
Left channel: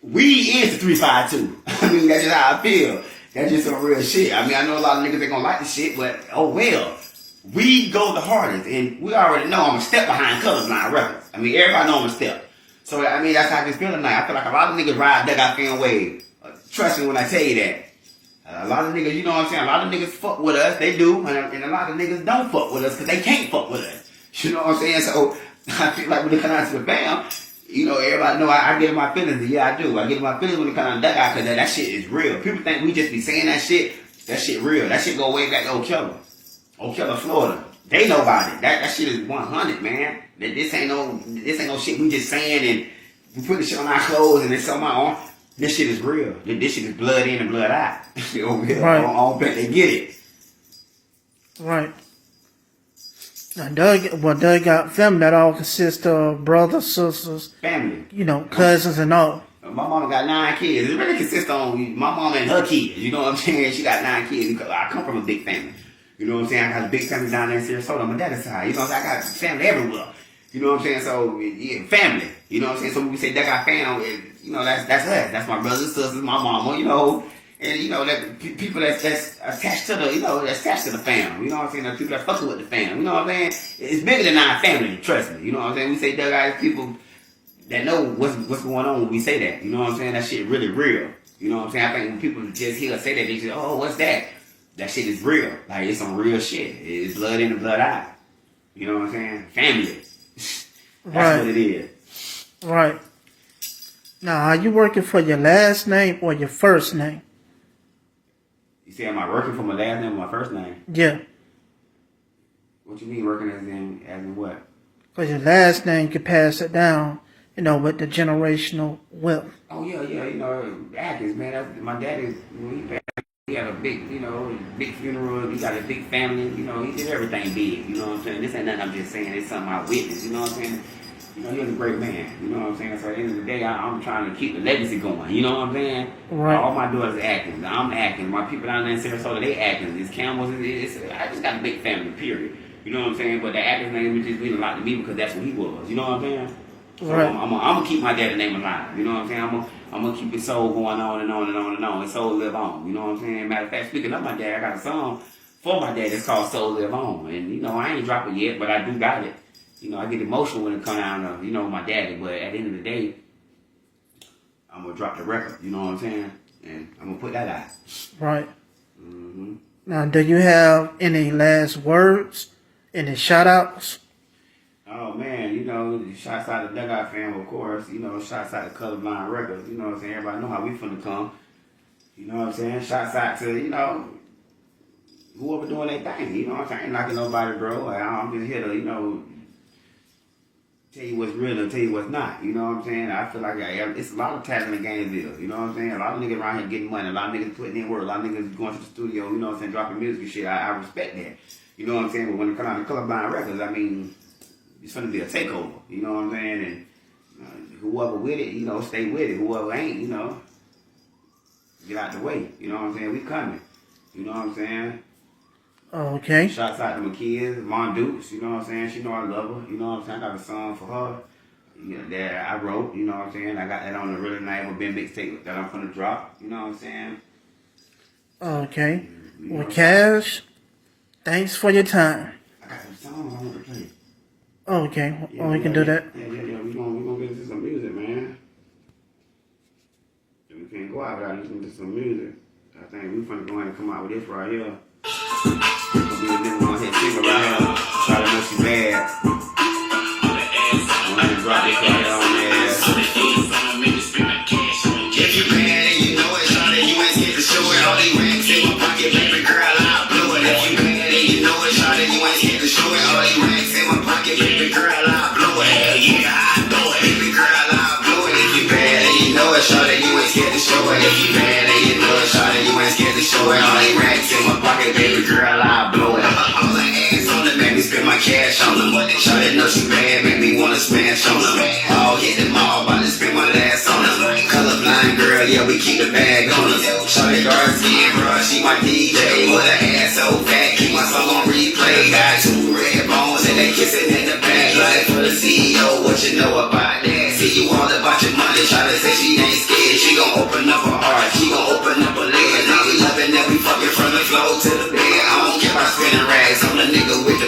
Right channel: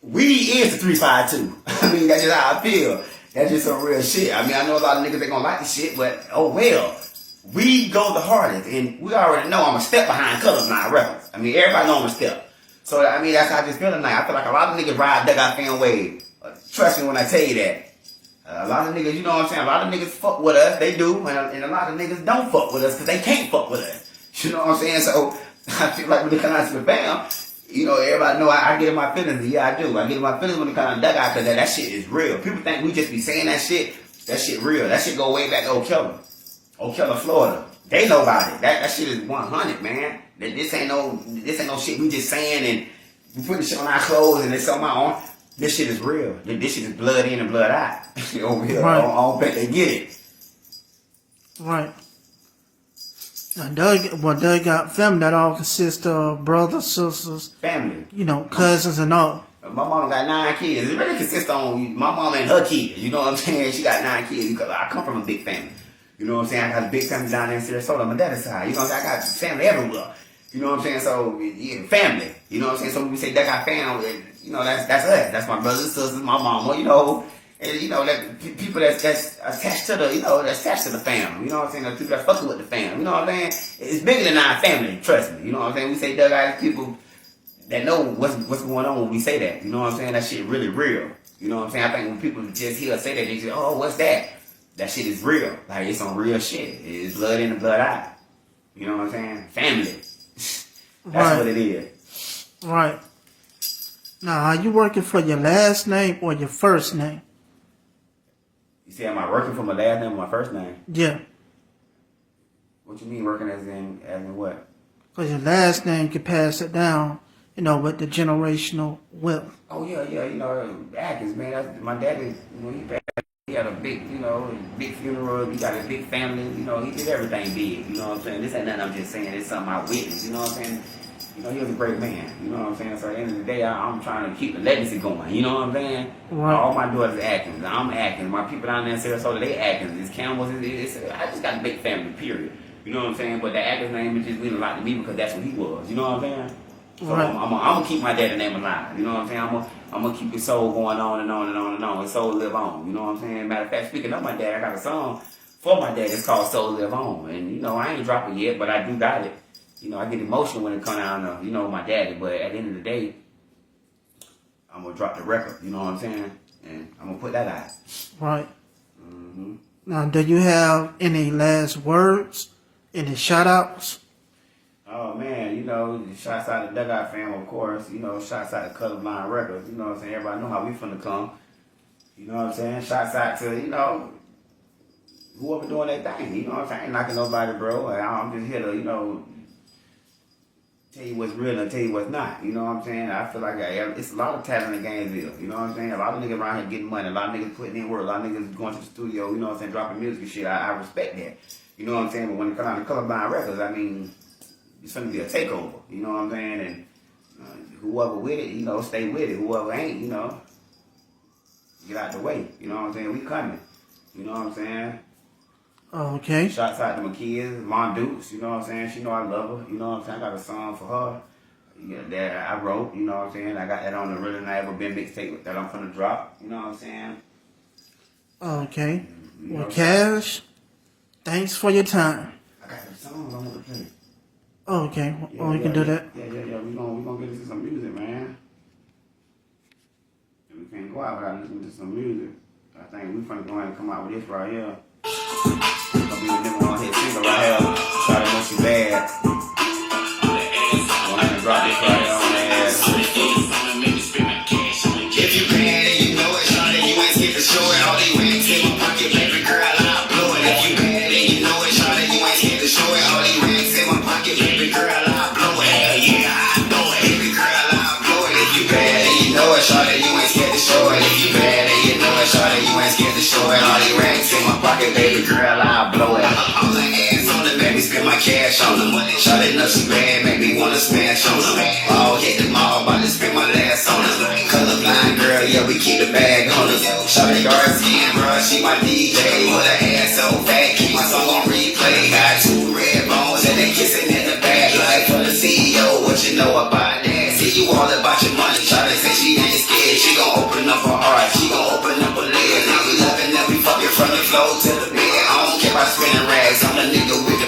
we is the 352. I mean, that's just how I feel. That's just some real shit. I mean, I know a lot of niggas ain't gonna like the shit, but oh well. we go the hardest, and we already know I'm a step behind Colorblind Records. I mean, everybody know I'm a step. So, I mean, that's how I just feel tonight. I feel like a lot of niggas ride that guy fan wave. Trust me when I tell you that. A lot of niggas, you know what I'm saying? A lot of niggas fuck with us. They do. And a lot of niggas don't fuck with us because they can't fuck with us. You know what I'm saying? So, I feel like when it comes out to the fam, you know, everybody know I give my feelings. Yeah, I do. I give my feelings when it comes to that guy because that shit is real. People think we just be saying that shit. That shit real. That shit go way back to Ocala, Florida. They know about it. That shit is 100, man. This ain't no shit we just saying and we put this shit on our clothes and it's on my arm. This shit is real. This shit is blood in and blood out. Over here, right. I don't bet they get it. Right. Now, Doug got family that all consists of brothers, sisters, family. You know, cousins and all. My mama got 9 kids. It really consists on my mama and her kids. You know what I'm saying? She got 9 kids. I come from a big family. You know what I'm saying? I got a big family down there in Sarasota on my dad's side. You know what I'm saying? I got family everywhere. You know what I'm saying? So, yeah, family. You know what I'm saying? So when we say that got family, you know, that's us. That's my brothers and sisters, my mama, you know. And, you know, that people that's attached to the, you know, that's attached to the family. You know what I'm saying? The people that fucking with the family. You know what I'm saying? It's bigger than our family, trust me. You know what I'm saying? We say that guys, people that know what's going on when we say that. You know what I'm saying? That shit really real. You know what I'm saying? I think when people just hear us say that, they say, oh, what's that? That shit is real. Like, it's on real shit. It's blood in and blood out. You know what I'm saying? Family. That's right. what it is. Right. Now, are you working for your last name or your first name? You say, am I working for my last name or my first name? Yeah. What you mean working as in what? Because your last name can pass it down, you know, with the generational wealth. Oh, yeah, you know, Atkins, man. That's, my daddy, when he passed, he had a big, you know, big funeral. He got a big family. You know, he did everything big. You know what I'm saying? This ain't nothing I'm just saying. It's something I witnessed. You know what I'm saying? You know, he was a great man. You know what I'm saying? So at the end of the day, I'm trying to keep the legacy going. You know what I'm saying? Right. All my daughters Atkins. I'm Atkins. My people down there in Sarasota, they Atkins. It's Campbell's. I just got a big family, period. You know what I'm saying? But the Atkins name is just mean a lot to me because that's what he was. You know what I'm saying? So right. I'm gonna keep my dad's name alive. You know what I'm saying? I'm gonna keep his soul going on and on and on and on. His soul live on. You know what I'm saying? Matter of fact, speaking of my dad, I got a song for my dad that's called Soul Live On. And, you know, I ain't dropped it yet, but I do got it. You know, I get emotional when it comes down to, you know, my daddy. But at the end of the day, I'm going to drop the record. You know what I'm saying? And I'm going to put that out. Right. Mm-hmm. Now, do you have any last words? Any shout-outs? Oh, man, you know, shouts out to Dugout fam, of course. You know, shouts out to Colorblind Records. You know what I'm saying? Everybody know how we finna come. You know what I'm saying? Shouts out to, you know, whoever doing their thing. You know what I'm saying? I ain't knocking nobody, bro. I'm just here to, you know, tell you what's real and tell you what's not. You know what I'm saying? I feel like it's a lot of talent in Gainesville. You know what I'm saying? A lot of niggas around here getting money. A lot of niggas putting in work. A lot of niggas going to the studio, you know what I'm saying, dropping music and shit. I respect that. You know what I'm saying? But when it comes down to Colorblind Records, I mean, it's going to be a takeover. You know what I'm saying? And whoever with it, you know, stay with it. Whoever ain't, you know, get out the way. You know what I'm saying? We coming. You know what I'm saying? Okay. Shouts out to my kids, Von Dukes, you know what I'm saying? She know I love her, you know what I'm saying? I got a song for her that I wrote, you know what I'm saying? I got that on the Really Not Ever Been mixtape that I'm finna drop, you know what I'm saying? Okay. Well, Cash, thanks for your time. I got some songs I want to play. Okay. Well, we can do that. Yeah. We gonna get into some music, man. We can't go out without listening to some music. I think we finna go ahead and come out with this right here. Gonna be the number one hit single right here. Try to know she bad. I'm gonna drop this right here on the ass. If you bad and you know it, shawty, you ain't scared to show it. All these racks in my pocket, baby girl, I'll blow it. If you bad and you know it, shawty, you ain't scared to show it. All these racks in my pocket, baby girl, I'll blow it. Hell yeah, I know it. Baby girl, I'll blow it. If you bad and you know it, shawty, you ain't scared to show it. If you bad and you know it, shawty, you ain't scared to show it. All these racks in my pocket, baby girl, I'll blow it. All the ass on it, make me spend my cash on them. Shawty know she bad, make me wanna smash on them. All hit them all, about to spend my last on them. Colorblind girl, yeah, we keep the bag on them. Shawty dark skin, bruh, she my DJ. With her ass so fat, keep my song on replay. Got 2 red bones and they kissing in the back. Life for the CEO, what you know about that? See you all about your money, try to say she ain't scared. She gon' open up her heart, she gon' open up her leg. Now we loving that we fucking from the floor to the bed. I don't care about spinning rags, I'm a nigga with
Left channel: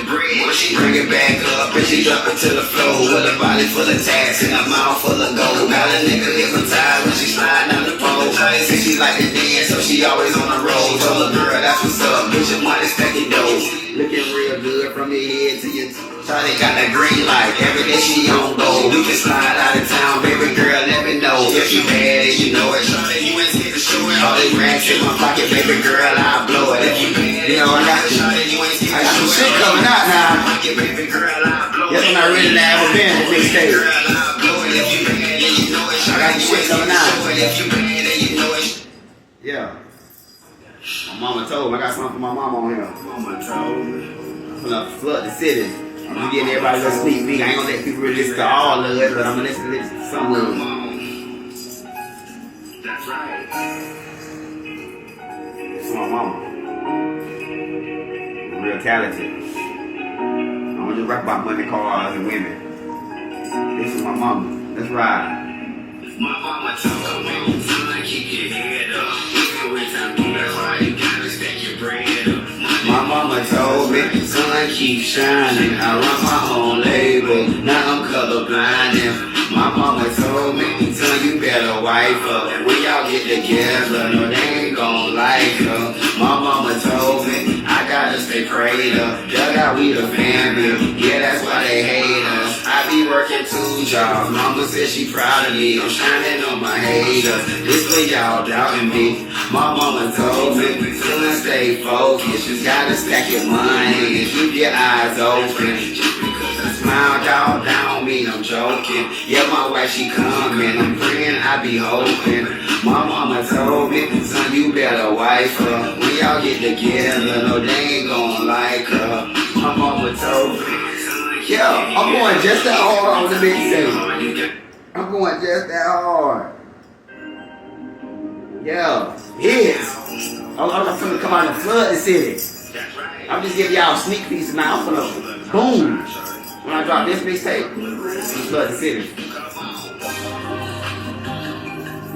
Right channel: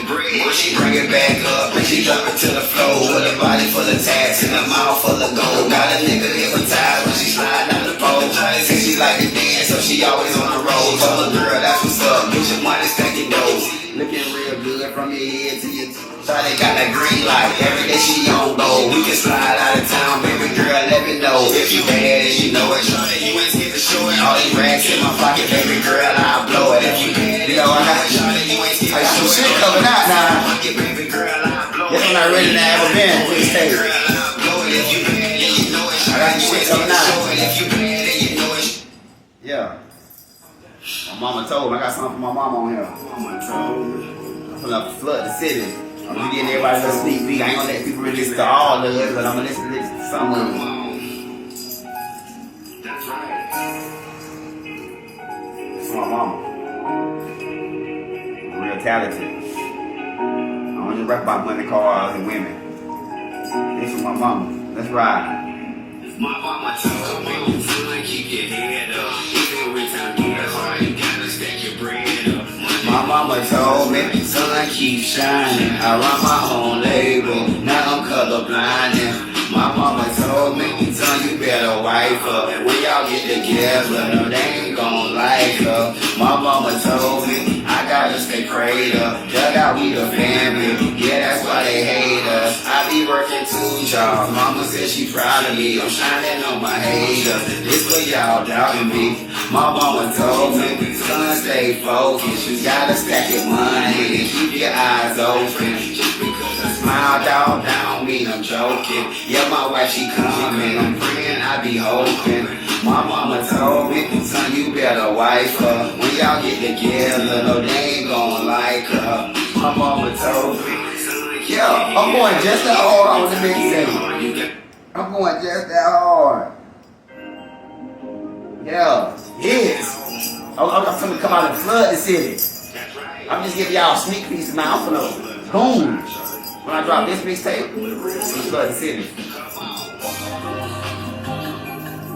drop it to the floor with a body full of tats and a mouth full of gold. Got a nigga hypnotized when she slide down the pole. Shawty say she like to dance, so she always on the road. Told her girl, that's what's up, bitch, your money stacking dough. Looking real good from your head to your toe. Shawty got that green light, every day she on gold. We can slide out of town, baby girl, let me know. If you mad and you know it, shawty, you ain't scared to show it. All these racks in my pocket, baby girl, I'll blow it. If you mad, you know I got some shit coming out now. That's when I ready to have a band with this tape. I got shit coming out. Yeah. My mama told me, I got something for my mama on here. Mama told me. I'm gonna flood the city. I'm gonna get everybody to sneak peek. I ain't gonna let people really listen to all of it, but I'm gonna listen to some of them. That's right. This is my mama. Real talented. I don't just rap about money, cars, and women. This is my mama. Let's ride. My mama told me, son, keep your head up. Even when time gets hard, gotta stack your bread up. My mama told me, son, keep shining. I run my own label, now I'm colorblind. And my mama told me, son, you better wife up. And when y'all get together, no, they ain't gon' like her. My mama told me, I gotta stay prayed up. Dug out, we the family, yeah, that's why they hate us. I be working 2 jobs, mama said she proud of me. I'm shining on my haters, this way y'all doubting me. My mama told me, son, stay focused. You gotta stack your money and keep your eyes open. Just because I smile down mean I'm joking. Yeah, my wife, she coming, I'm praying, I be hoping. My mama told me, son, you better wife her. When y'all get together, no, they ain't gon' like her. My mama told me, yeah, I'm going just that hard on the big thing. I'm going just that hard. Yeah, yes. I'm gonna come out and flood the city. I'm just giving y'all a sneak piece of my outflow. Boom. When I drop this mixtape, I'm gonna flood the city.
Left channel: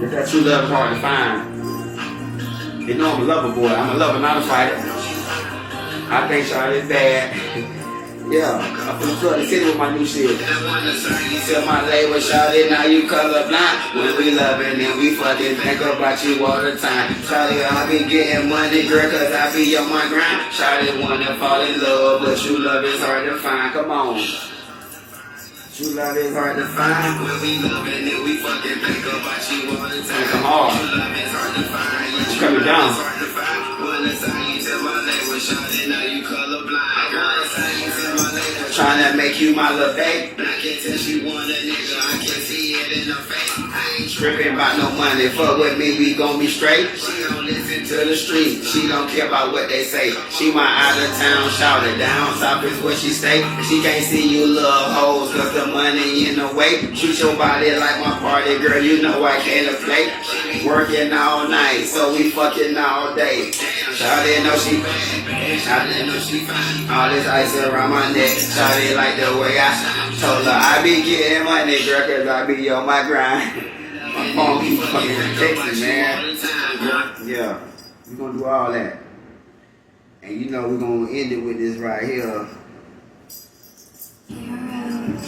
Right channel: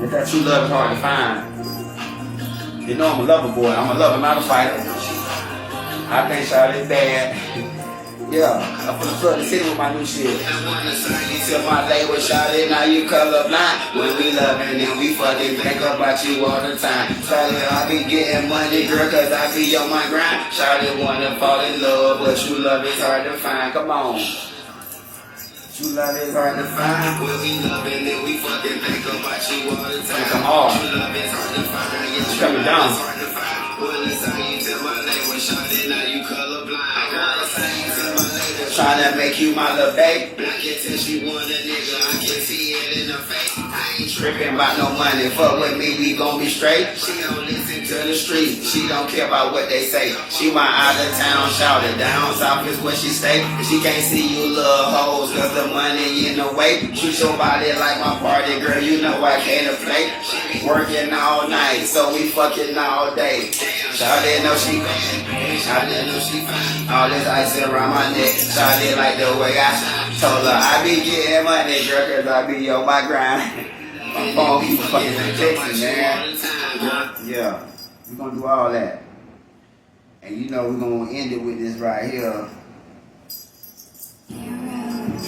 If that true love is hard to find. You know I'm a lover boy. I'm a lover, not a fighter. I think Charlotte's bad. Yeah, I'm finna flood the city with my new shit. Tell my label, Charlotte, now you colorblind. When we loving and we fucking think about you all the time. Charlotte, I be getting money, girl, cause I be on my grind. Charlotte wanna fall in love, but true love is hard to find. Come on. True love is hard to find. When we loving and we fucking think about you all the time. Come on. True love is hard to find. It's coming down. Well, it's how you tell my label, Charlotte, now you colorblind. Tryna make you my little babe. I can tell she want a nigga, I can see it in her face. I ain't tripping about no money, fuck with me, we gon' be straight. She don't listen to the street, she don't care about what they say. She my out of town shouter, down south is where she stay. She can't see you little hoes, cause the money in the way. Treat your body like my party girl, you know I can't play. Working all night, so we fucking all day. Shawty know she fine, Shawty know she fine. All this ice around my neck, Shawty like the way I told her I be getting money, girl, cause I be on my grind. My phone keep fucking protecting, man. Yeah, we gonna do all that. And you know we gonna end it with this right here.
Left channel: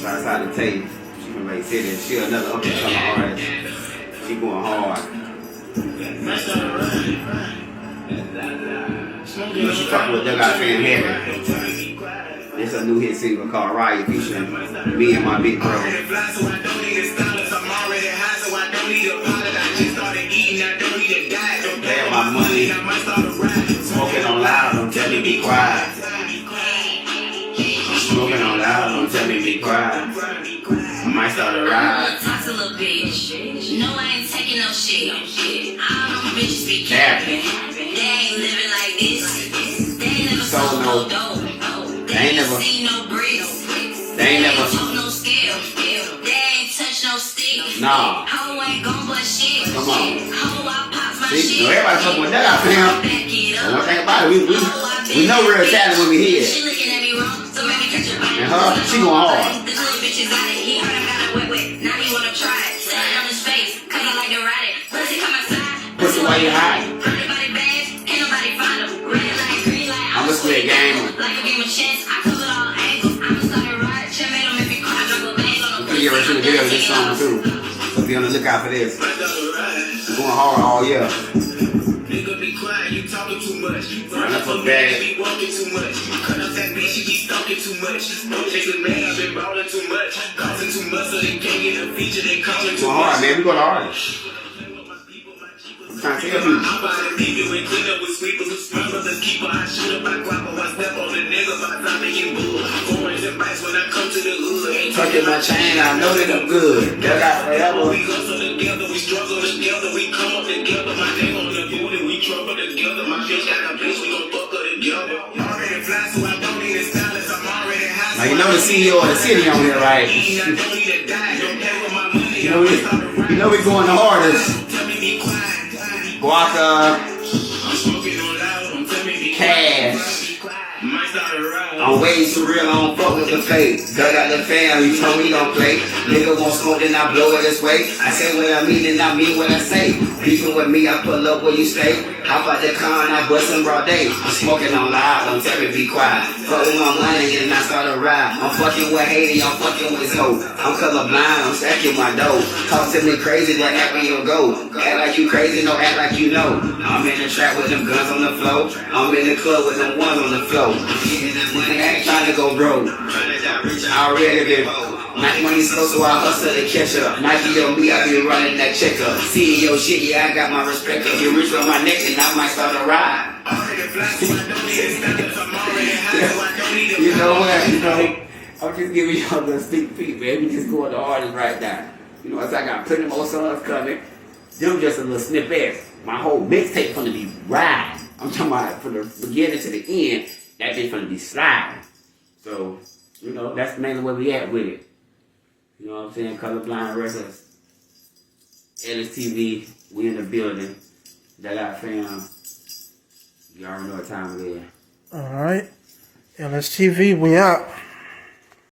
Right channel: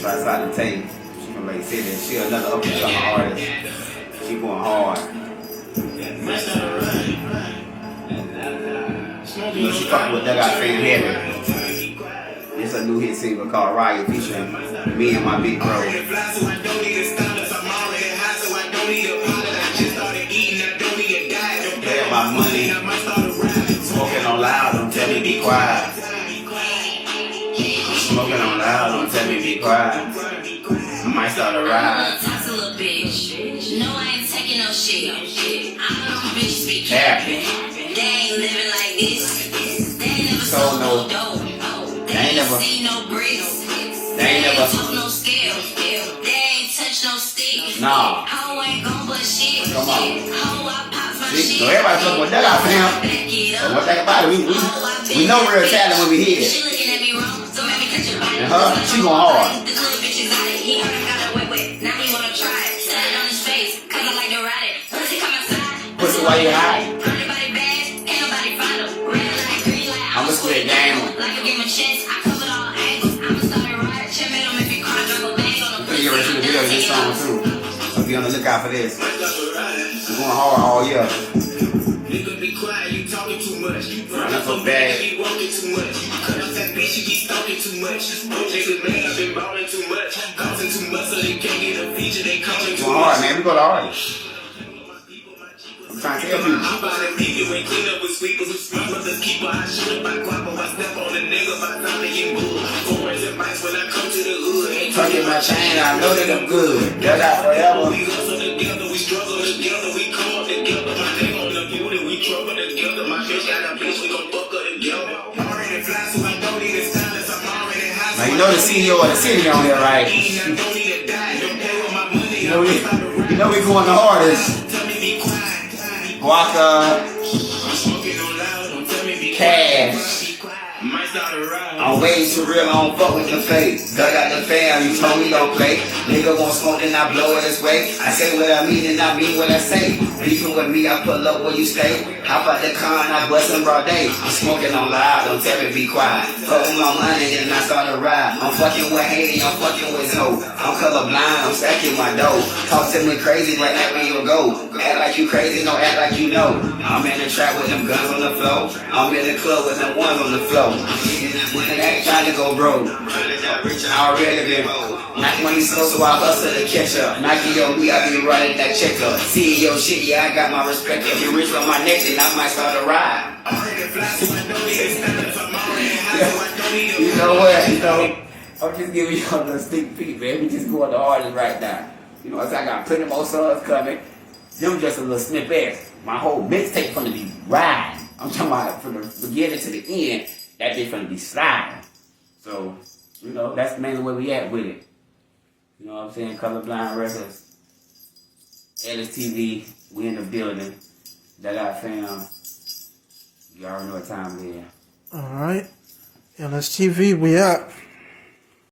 Try to start the tape. She from Lake City. She another up and coming artist. She going hard. She fucking with that guy Fan Henry. It's a new hit single called Riot featuring me and my big bro. Playing my money, smoking on loud, don't tell me be quiet. Smoking on loud, don't tell me be quiet. I might start a ride. Talk a little bitch. No, I ain't taking no shit. I don't bitch be capping. They ain't living like this. They ain't never sold no dope. They ain't never seen no bricks. They ain't never told no scale. They ain't touch no stick. Nah. Hoe ain't gon' but shit. Come on. Hoe, I pop my See, shit. so everybody fucking with that out there. And one thing about it, we know real talent when we hear She it. looking at me wrong, so maybe catch your body. And her, she going hard. The little bitch is out it. He heard I got a wet. Now he wanna try it. Set it on his face, cause I like to ride it. Pussy come outside. Pussy while you hide. Pretty body bad, ain't nobody find him. Red light, green light, I'ma split game. like a game of chess. I cover all angles. I'ma start a riot, check me on if you video of this song too. So be on the lookout for this. We're going hard all year. Nigga be quiet, you talking too much. That's so bad. You walking too much. Cut up that bitch, you be stalking too much. Niggas mad, I've been ballin' too much. Causing too much, so they can't get a feature, they calling too Going much. hard, man. We go to artists. I'm trying to tell you. I'm about to leave you and clean up with sweepers who smugglers and keeper. I shoot up my guapo, I step on the nigga, my time to get bull. Foreign advice when I come to the hood. Tucking my chain, I know that I'm good. That got forever. We hustle together, we struggle together, we come up together. My name on the booty, we trouble together. My bitch got a bitch, we gon' fuck her together. Already fly, so I don't need a stylist, I'm already high. Now you know the CEO of the city on there, right? I don't need to die, don't play with my money. You know we going the hardest. Tell me be quiet. Guaca, I'm smoking on loud, don't tell me be Cash. might start a ride. I'm way too real, I don't fuck with the fake. Duck out the fam, you told me don't play. Nigga won't smoke, then I blow it this way. I say what I mean, and I mean what I say. Beefing with me, I pull up where you stay. Hop out the car and I bust in broad day. I'm smoking on loud, don't tell me be quiet. Fuck with my money, then I start a ride. I'm fucking with Haiti, I'm fucking with Zoe. I'm colorblind, I'm stacking my dough. Talk to me crazy, but act when you go. Act like you crazy, don't act like you know. I'm in the trap with them guns on the floor. I'm in the club with them ones on the floor. And I ain't trying to go broke. I already been not money so I hustle to catch up. Nike on me, I be running that check up. CEO shit, yeah, I got my respect. If you reach on my neck, then I might start a ride. You know what? You know, I'm just giving you a sneak peek, man. We just going to artists right now. You know, I got plenty more songs coming. Them just a little snippet. My whole mixtape gonna be riding. I'm talking about from the beginning to the end. That bitch gonna be sliding. So, you know, that's mainly where we at with it. You know what I'm saying? Colorblind Records, T.Ellis TV, we in the building. That our fam. You already know what time it is. All right. LSTV, we out.